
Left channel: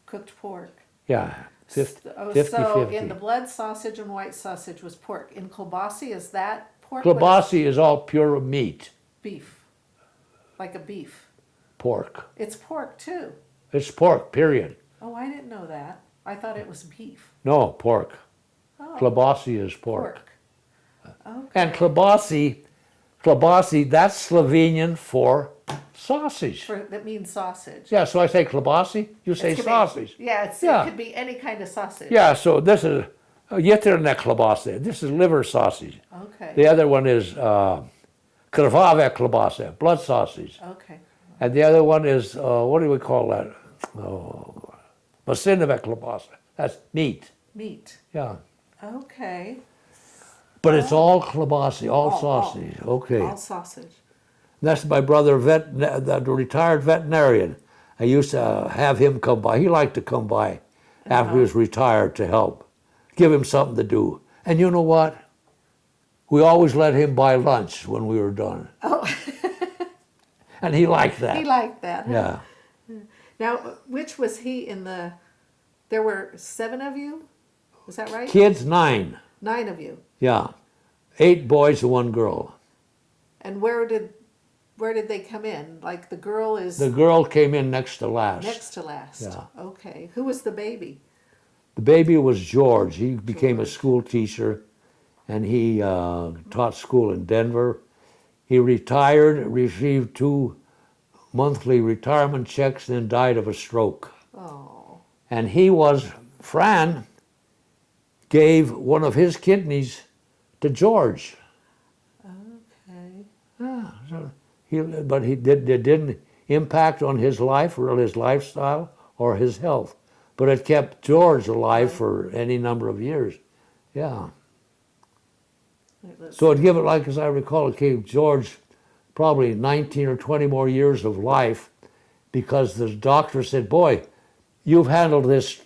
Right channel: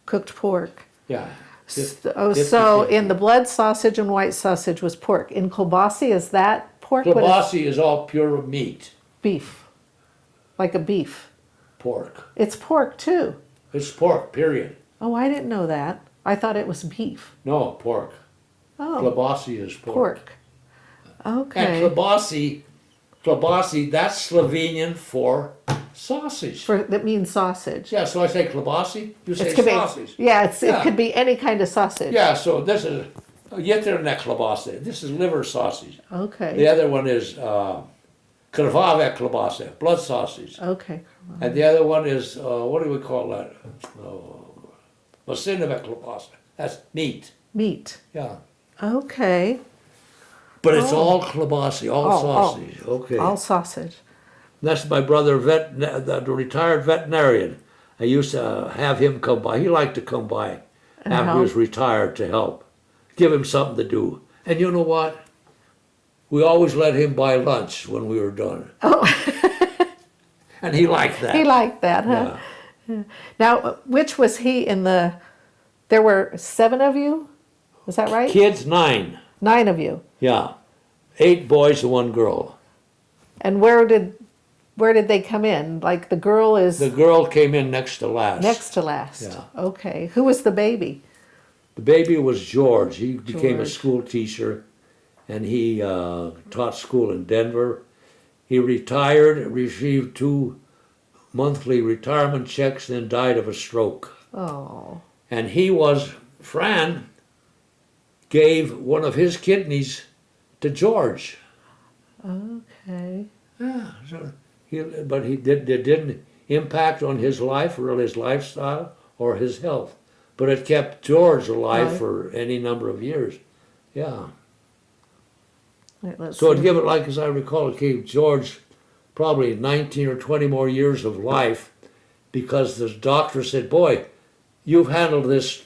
Cooked pork. Yeah. So in the blood sausage and white sausage was pork. In kielbasa, is that pork? What is Kielbasa is all pure meat, beef? Like a beef. pork. It's pork too. It's pork, period. Oh, I didn't know that. I thought it was beef. No, pork. Oh, Kielbasa is pork. pork. Okay. And kielbasa, that's Slovenian for sausage. That means sausage. Yeah, so I say kielbasa, you say It could be- sausage. yeah, it Yeah. could be any kind of sausage. Yeah, so this is jeterna kielbasa. This is liver sausage. Okay. The other one is krvave kielbasa, blood sausage. Okay. And the other one is, what do we call that? Masinove kielbasa. That's meat. Meat. Yeah. Okay. But it's all kielbasa, all Oh, sausage. Okay. All sausage. That's my brother, the retired veterinarian. I used to have him come by. He liked to come by And after he help? was retired to help, give him something to do. And you know what? We always let him buy lunch when we were done. Oh. And he liked that. He liked that, huh? Yeah. Now, which was he in the? There were 7 of you. Is that right? Kids, 9. 9 of you. Yeah. 8 boys and 1 girl. And where did they come in? Like the girl is The girl came in next to last. next to last. Yeah. Okay. Who was the baby? The baby was George. He became a George. school teacher, and he taught school in Denver. He retired, received 2 monthly retirement checks, then died of a stroke. Oh. And Fran gave one of his kidneys to George. Okay. Yeah, so it didn't impact on his life or his lifestyle or his health. But it kept George alive Right. for any number of years. Yeah. Wait, let's So it'd see. give it, like as I recall, it gave George probably 19 or 20 more years of life because the doctor said, boy, you've handled this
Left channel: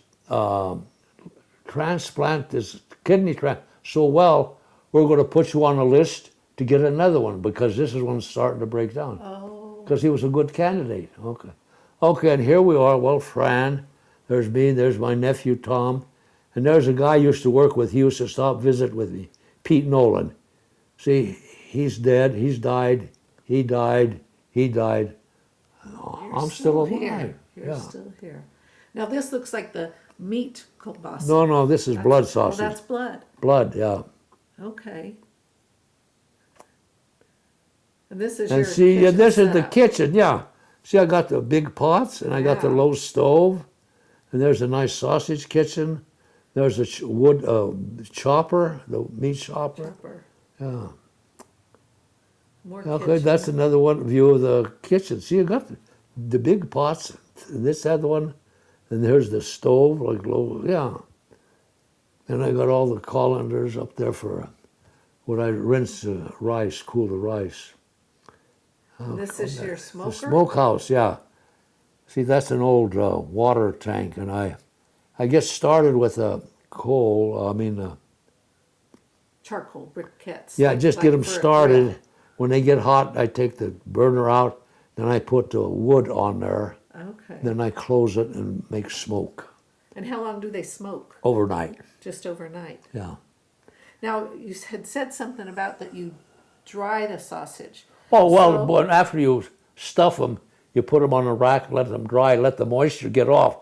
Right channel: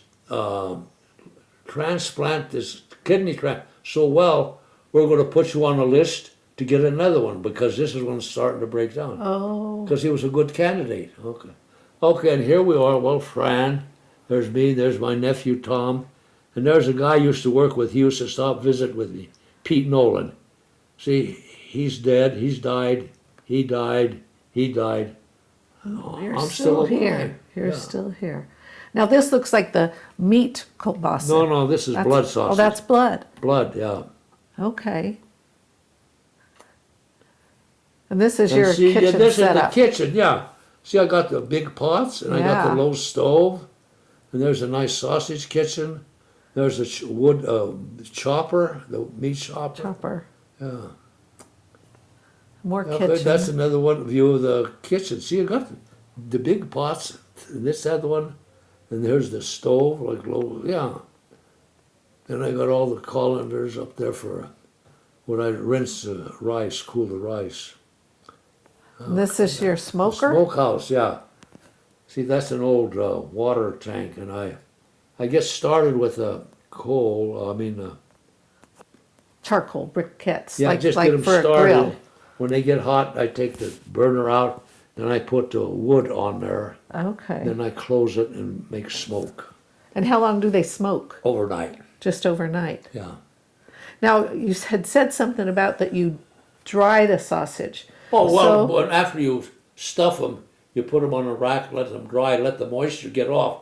transplant, this kidney transplant so well, we're going to put you on a list to get another one because this is one's starting to break down. Oh. Because he was a good candidate. Okay. Okay, and here we are. Well, Fran, there's me, there's my nephew Tom, and there's a guy I used to work with. He used to stop visit with me, Pete Nolan. See, he's dead. He's died. He died. He died. You're I'm still alive. here. You're Yeah. still here. Now this looks like the meat kielbasa. No, this is That's- blood sausage. Oh, that's blood. blood, yeah. Okay. And this is And your see, kitchen and this is the setup. kitchen, yeah. See, I got the big pots, and I got Yeah. the low stove, and there's a nice sausage kitchen. There's a wood chopper, the meat chopper. Chopper. Yeah. More Okay, kitchen. that's another one view of the kitchen. See, you got the big pots, and this other one, and there's the stove, like low, yeah. And I got all the colanders up there for when I rinse the rice, cool the rice. And this is your The smoker? smokehouse, yeah. See, that's an old water tank, and I get started with a Charcoal briquettes. yeah, like, just like get them for a started. grill. When they get hot, I take the burner out, then I put the wood on there, Okay. then I close it and make smoke And how long do they smoke? overnight. Just overnight. Yeah. Now, you had said something about that you dry the sausage. Oh well, So- but after you stuff them, you put them on a rack, let them dry, let the moisture get off.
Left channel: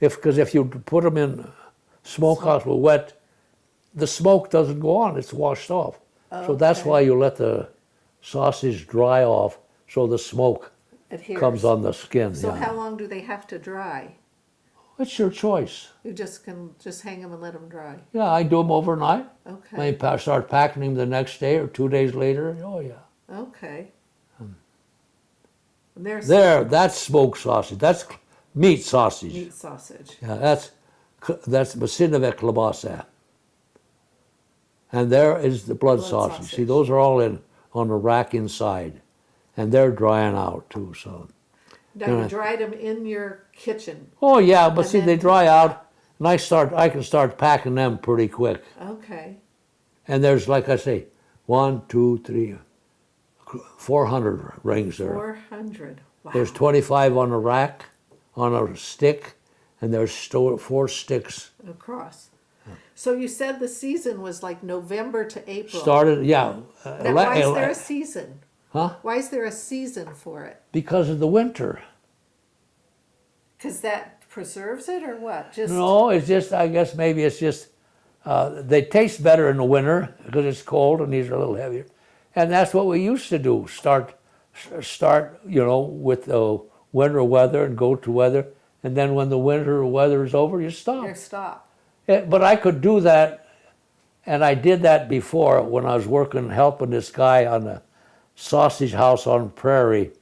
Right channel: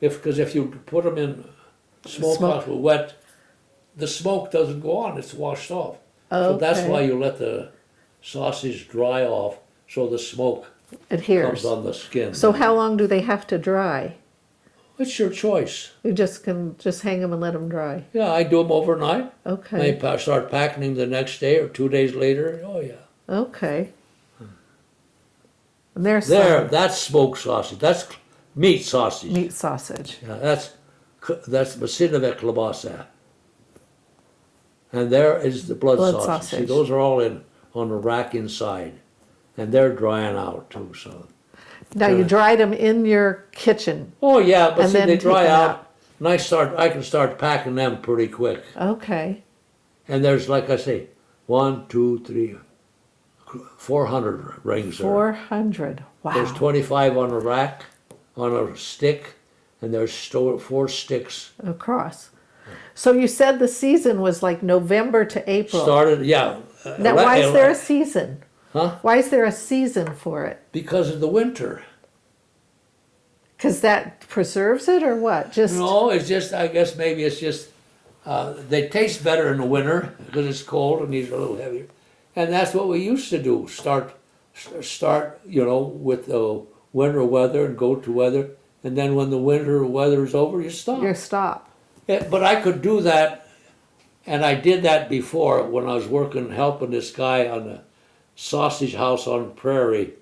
Because if you put them in smokehouse with wet the smoke doesn't go on, it's washed off. So that's Okay. why you let the sausage dry off so the smoke Adheres. comes on the skin. So yeah. how long do they have to dry? It's your choice. You just can just hang them and let them dry. Yeah, I do them overnight. Okay. Start packing them the next day or 2 days later. Oh yeah. Okay. And there's There, some that's smoked sausage. That's meat sausage. meat sausage. Yeah, that's masinowe klobasa. And there is the blood sausage. See, sausage. those are all on the rack inside, and they're drying out too. So. Now you dried them in your kitchen. Oh yeah, but And see, then they take dry them out, out. and I can start packing them pretty quick. Okay. And there's, like I say, 1, 2, 3, 400 rings there. 400. Wow. There's 25 on a rack, on a stick, and there's 4 sticks. Across. So you said the season was like November to April. Started, yeah. Now, why is there a season? Huh? Why is there a season for it? Because of the winter. Because that preserves it, or what? Just No, it's just, I guess maybe it's just, they taste better in the winter because it's cold and these are a little heavier. And that's what we used to do, start, with the winter weather and go to weather. And then when the winter weather is over, you stop. your stop. But I could do that, and I did that before when I was helping this guy on the sausage house on Prairie,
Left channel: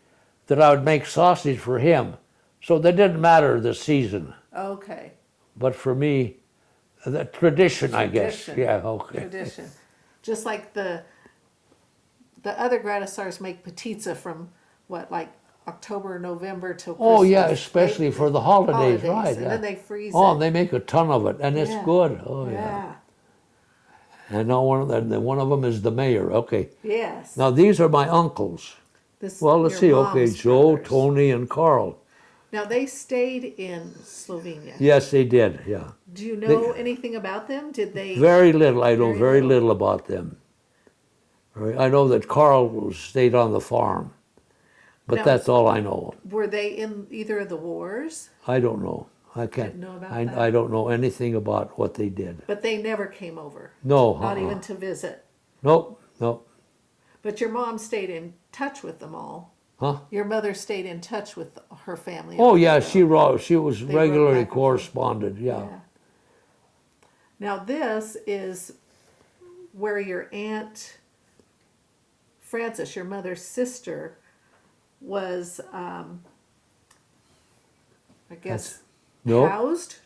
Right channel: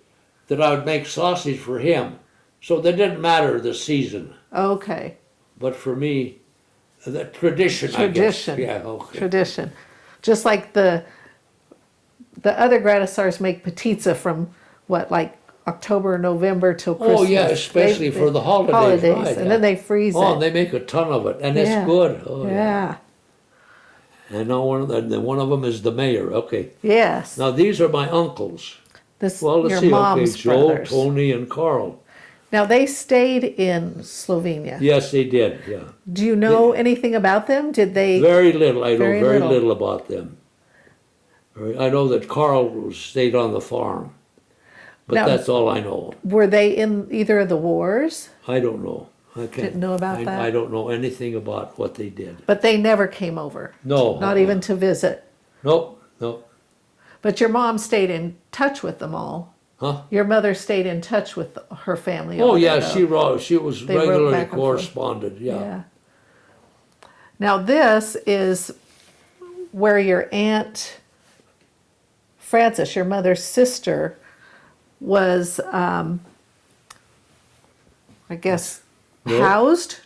that I would make sausage for him. So that didn't matter the season. Okay. But for me, the tradition, I guess. Tradition. Yeah, okay. Tradition. Just like the other Gradisars make petizza from what, like October, November till Christmas. Oh, yeah, especially for the holidays, right, and yeah. then they freeze Oh, it. they make a ton of it, and Yeah. it's good. Oh, yeah. Yeah. And now one of them is the mayor. Okay. Yes. Now, these are my uncles. This Well, let's your see. Okay, mom's Joe, brothers. Tony, and Carl. Now they stayed in Slovenia. Yes, they did, yeah. Do you know anything about them? Did they? Very little. I know Very very little. little about them. I know that Carl stayed on the farm, but Now- that's all I know. Were they in either of the wars? I don't know. I can't. Didn't know about that? I don't know anything about what they did. But they never came over. No. Not even to visit. Nope. Nope. But your mom stayed in touch with them all. Huh? Your mother stayed in touch with her family. Oh over yeah, there, though. she was They wrote regularly back and forth. corresponded. Yeah. Now this is where your aunt Frances, your mother's sister, was, I guess, No. housed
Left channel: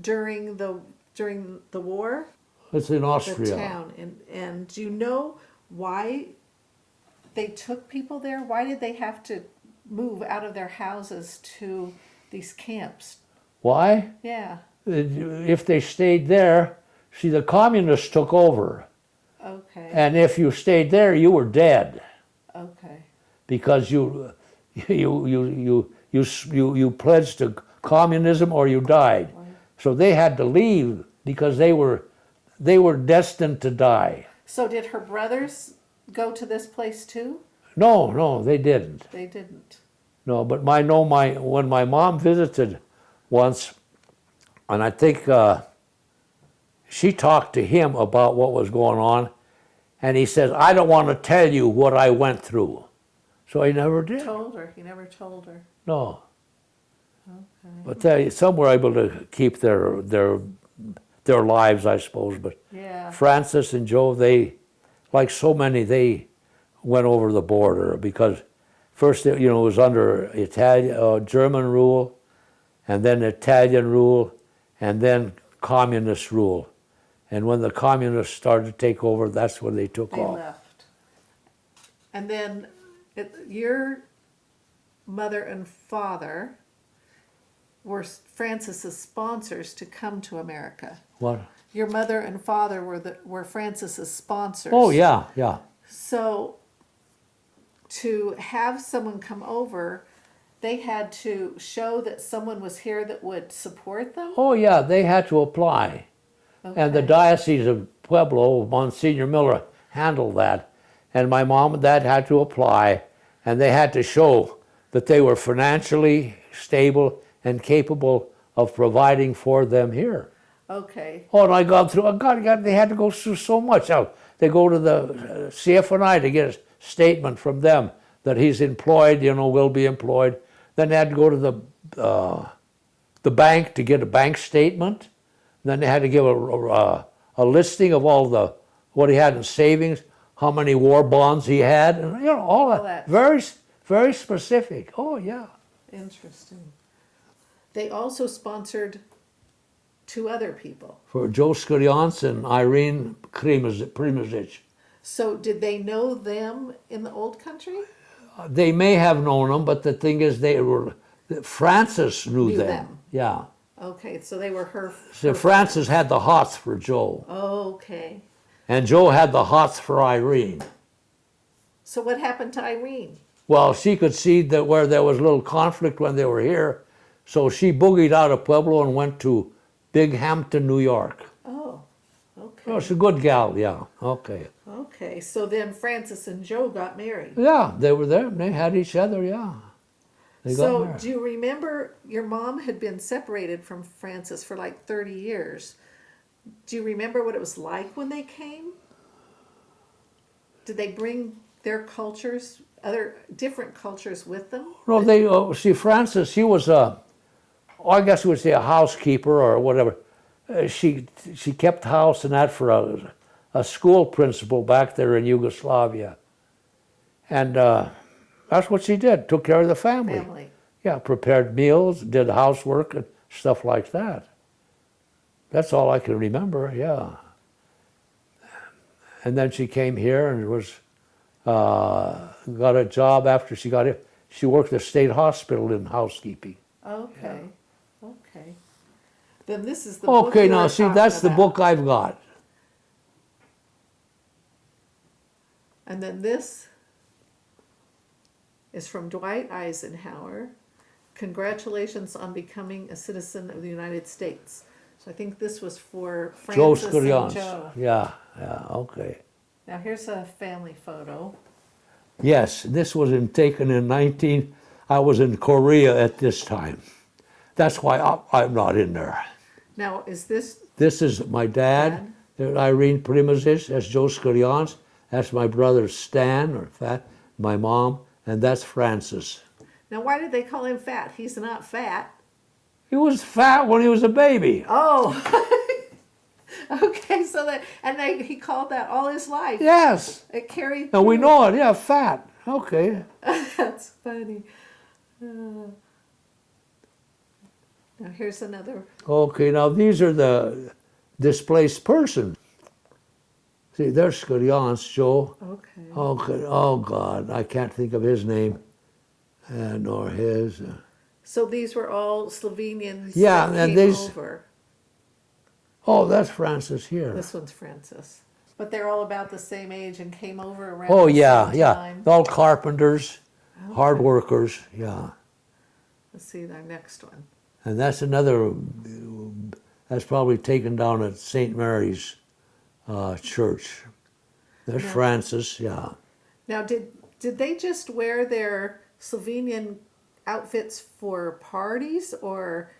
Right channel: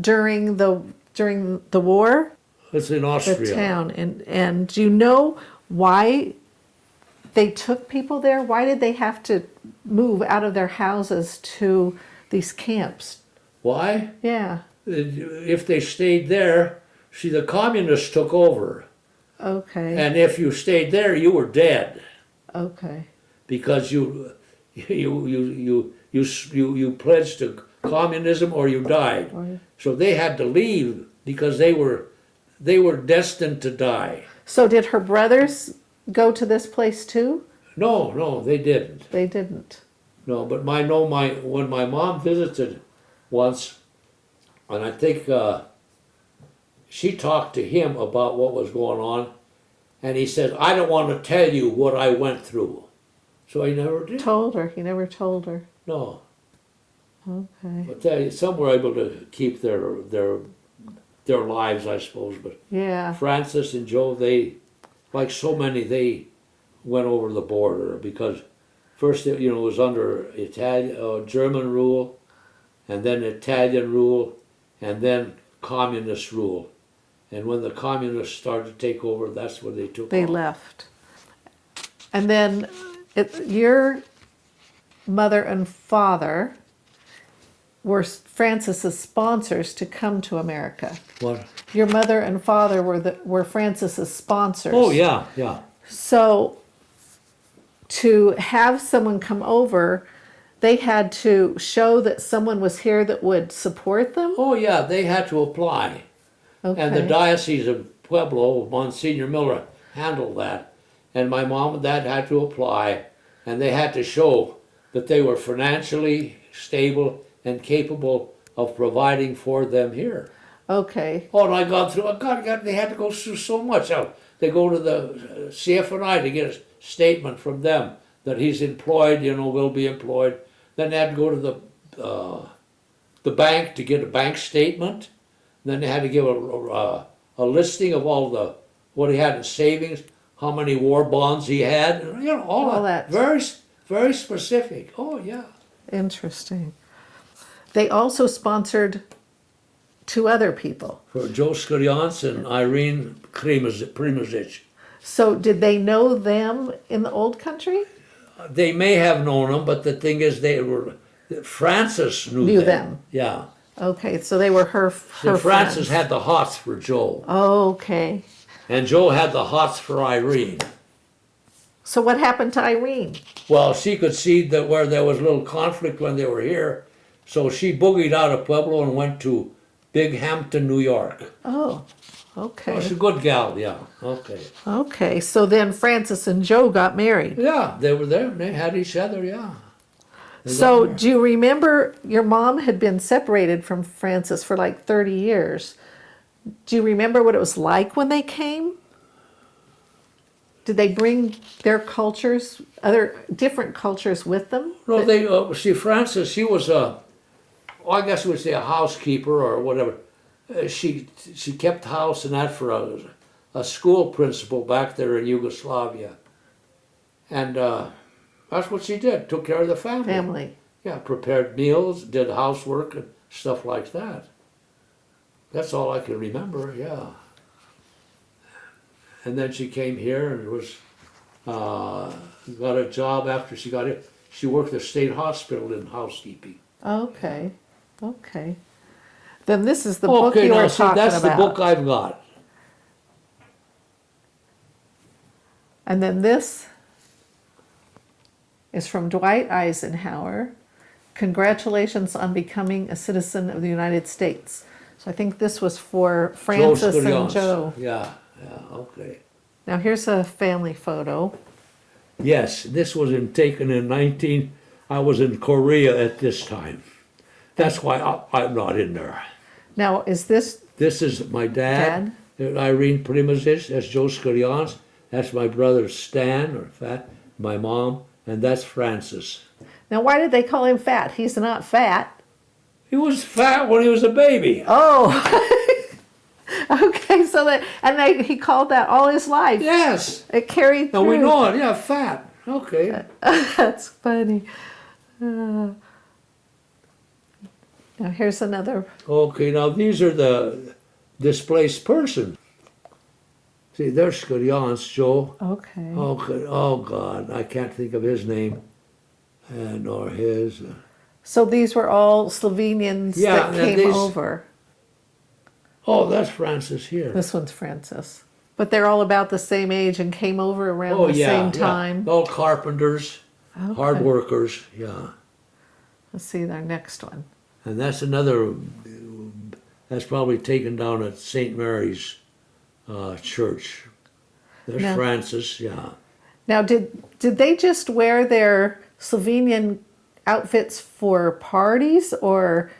during the war. It's in The Austria. town, and do you know why they took people there? Why did they have to move out of their houses to these camps? Why? Yeah. If they stayed there, see, the communists took over, Okay. and if you stayed there, you were dead Okay. because you pledged to communism or you died. Right. So they had to leave because they were destined to die. So did her brothers go to this place too? No, they didn't. They didn't. No, but when my mom visited once, and I think she talked to him about what was going on, and he says, "I don't want to tell you what I went through," so he never did. Told her. He never told her. No, Okay. but some were able to keep their lives, I suppose. But Yeah. Francis and Joe, they, like so many, they went over the border because first, it was under German rule, and then Italian rule, and then communist rule. And when the communists started to take over, that's when they took They off. left. And then your mother and father were Francis's sponsors to come to America. What? Your mother and father were Francis's sponsors. Oh, yeah. So to have someone come over, they had to show that someone was here that would support them? Oh, yeah, they had to apply. Okay. And the Diocese of Pueblo, Monsignor Miller, handled that. And my mom and dad had to apply, and they had to show that they were financially stable and capable of providing for them here. Okay. Oh, and I got through. They had to go through so much. They go to the CFNI to get a statement from them that he's employed. Will be employed. Then they had to go to the bank to get a bank statement. Then they had to give a listing of what he had in savings, how many war bonds he had, and all All that. that. Very, very specific. Oh yeah. Interesting. They also sponsored two other people. For Joe Skurians and Irene Primozic. So did they know them in the old country? They may have known them, but the thing is, Frances knew them. Yeah. Okay, so they were her Frances friends. had the hots for Joe, Okay. and Joe had the hots for Irene. So what happened to Irene? Well, she could see that where there was a little conflict when they were here, so she boogied out of Pueblo and went to Binghamton, New York. Oh, Oh, okay. she's a good gal, yeah. Okay. Okay, so then Francis and Joe got married. Yeah, they were there. They had each other, yeah. They got So married. do you remember your mom had been separated from Francis for like 30 years? Do you remember what it was like when they came? Did they bring their cultures, other different cultures with them? No, see, Frances, she was I guess we would say a housekeeper or whatever. She kept house and that for a school principal back there in Yugoslavia. And that's what she did, took care of the family. Family. Yeah, prepared meals, did housework and stuff like that. That's all I can remember, yeah. And then she came here and got a job after she got it. She worked at the state hospital in housekeeping. Okay, okay. Then this is the book Okay, you now were see, talking that's about. the book I've got. And then this is from Dwight Eisenhower. Congratulations on becoming a citizen of the United States. So I think this was for Francis and Skurians. Joe. Yeah, okay. Now here's a family photo. Yes, this was taken in I was in Korea at this time. That's why I'm not in there. Now is this This is my dad, Irene Primozic, that's Joe Skurians, that's my brother Stan, or Fat, my mom, and that's Francis. now why did they call him fat? He's not fat. He was fat when he was a baby. Oh. Okay, so he called that all his life. Yes, It carried and we through. know it, yeah, fat. Okay. That's funny. Now here's another. Okay, now these are the displaced person. See, there's Skurians, Joe. Okay. Oh God, I can't think of his name, nor his. So these were all Slovenians Yeah, that and came these- over. Oh, that's Francis here. This one's Francis. But they're all about the same age and came over around Oh the yeah, same yeah. time. All carpenters, hard Okay. workers. Yeah, Let's see their next one. and that's another. That's probably taken down at St. Mary's Church. There's Now- Francis. Yeah. Now, did they just wear their Slovenian outfits for parties, or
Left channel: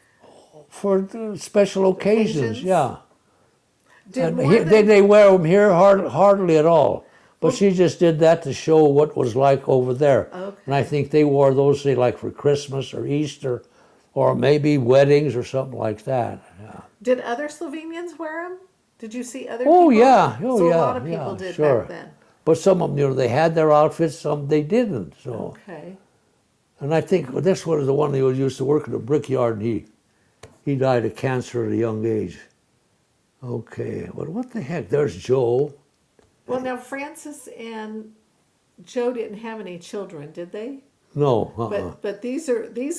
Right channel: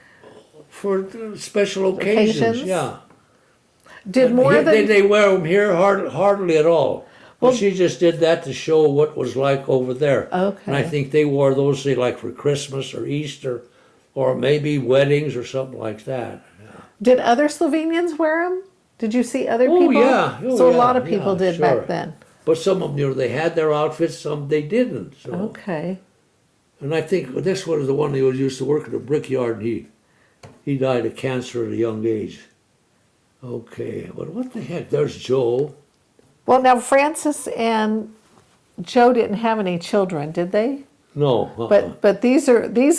For the special occasions. Occasions? Yeah. did And more here- than they wear them here hardly at all. But Well- she just did that to show what it was like over there. Okay. And I think they wore those, say, like for Christmas or Easter, or maybe weddings or something like that. Yeah. did other Slovenians wear them? Did you see other Oh, people? yeah. Oh, so yeah. a lot of people Yeah, did sure. back then. But some of them, they had their outfits, some they didn't. So. Okay. And I think this one is the one who used to work at a brickyard. He died of cancer at a young age. Okay, well, what the heck? There's Joe. Well, now Francis and Joe didn't have any children, did they? No. But these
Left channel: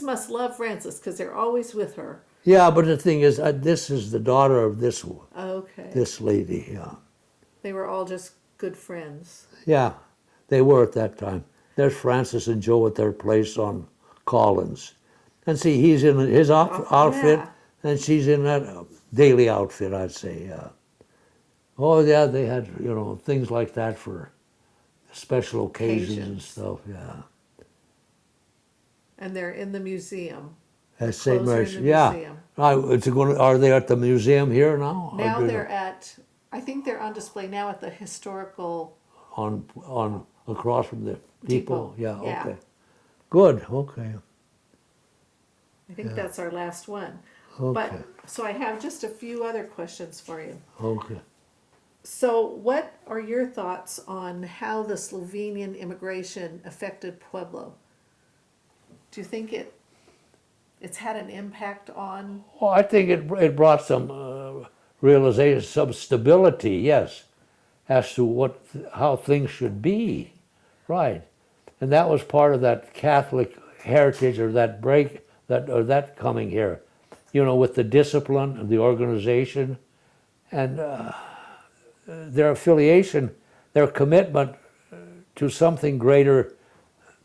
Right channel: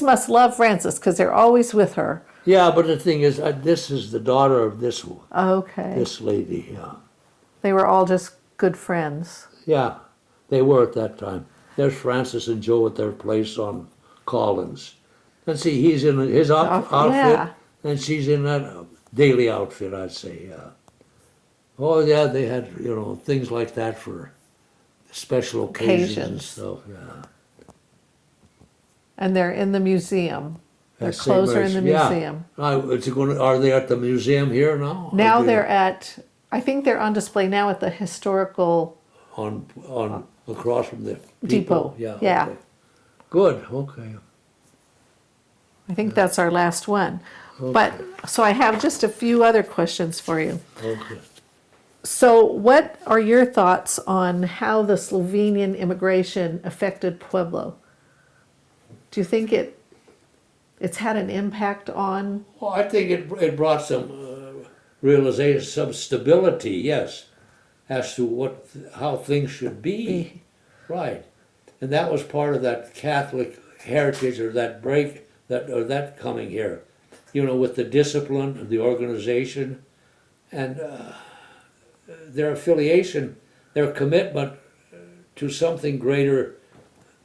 must love Francis because they're always with her. Yeah, but the thing is, this is the daughter of this Okay. this lady. Yeah, They were all just good friends. yeah, they were at that time. There's Francis and Joe at their place on Collins, and see, he's in his outfit, yeah. and she's in that daily outfit, I'd say. Yeah. Oh yeah, they had things like that for special occasions and Occasions. stuff. Yeah. And they're in the museum. Their At St. clothes are in the Mary's, yeah. museum. Are they at the museum here now? Now Are they they're at, I think they're on display now at the historical on across from the depot. Yeah. Yeah. Okay. Good. Okay. I think that's our last one. But, so I have just a few other questions for you. Okay. So what are your thoughts on how the Slovenian immigration affected Pueblo? Do you think it's had an impact on, Well, I think it brought some realization, some stability, yes, as to how things should be, right, and that was part of that Catholic heritage or that that coming here, with the discipline of the organization, and their affiliation, their commitment to something greater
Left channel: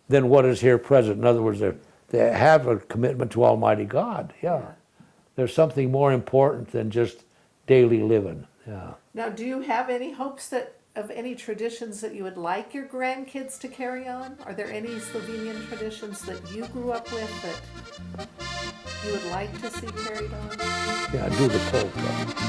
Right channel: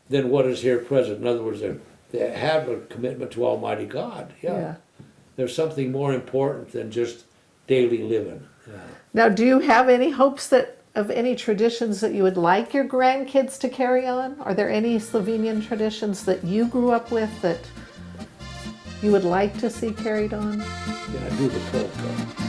than what is here present. In other words, they have a commitment to Almighty God. Yeah. There's something more important than just daily living. Yeah. Now, do you have any hopes of any traditions that you would like your grandkids to carry on? Are there any Slovenian traditions that you grew up with that you would like to see carried on? Yeah, do the polka.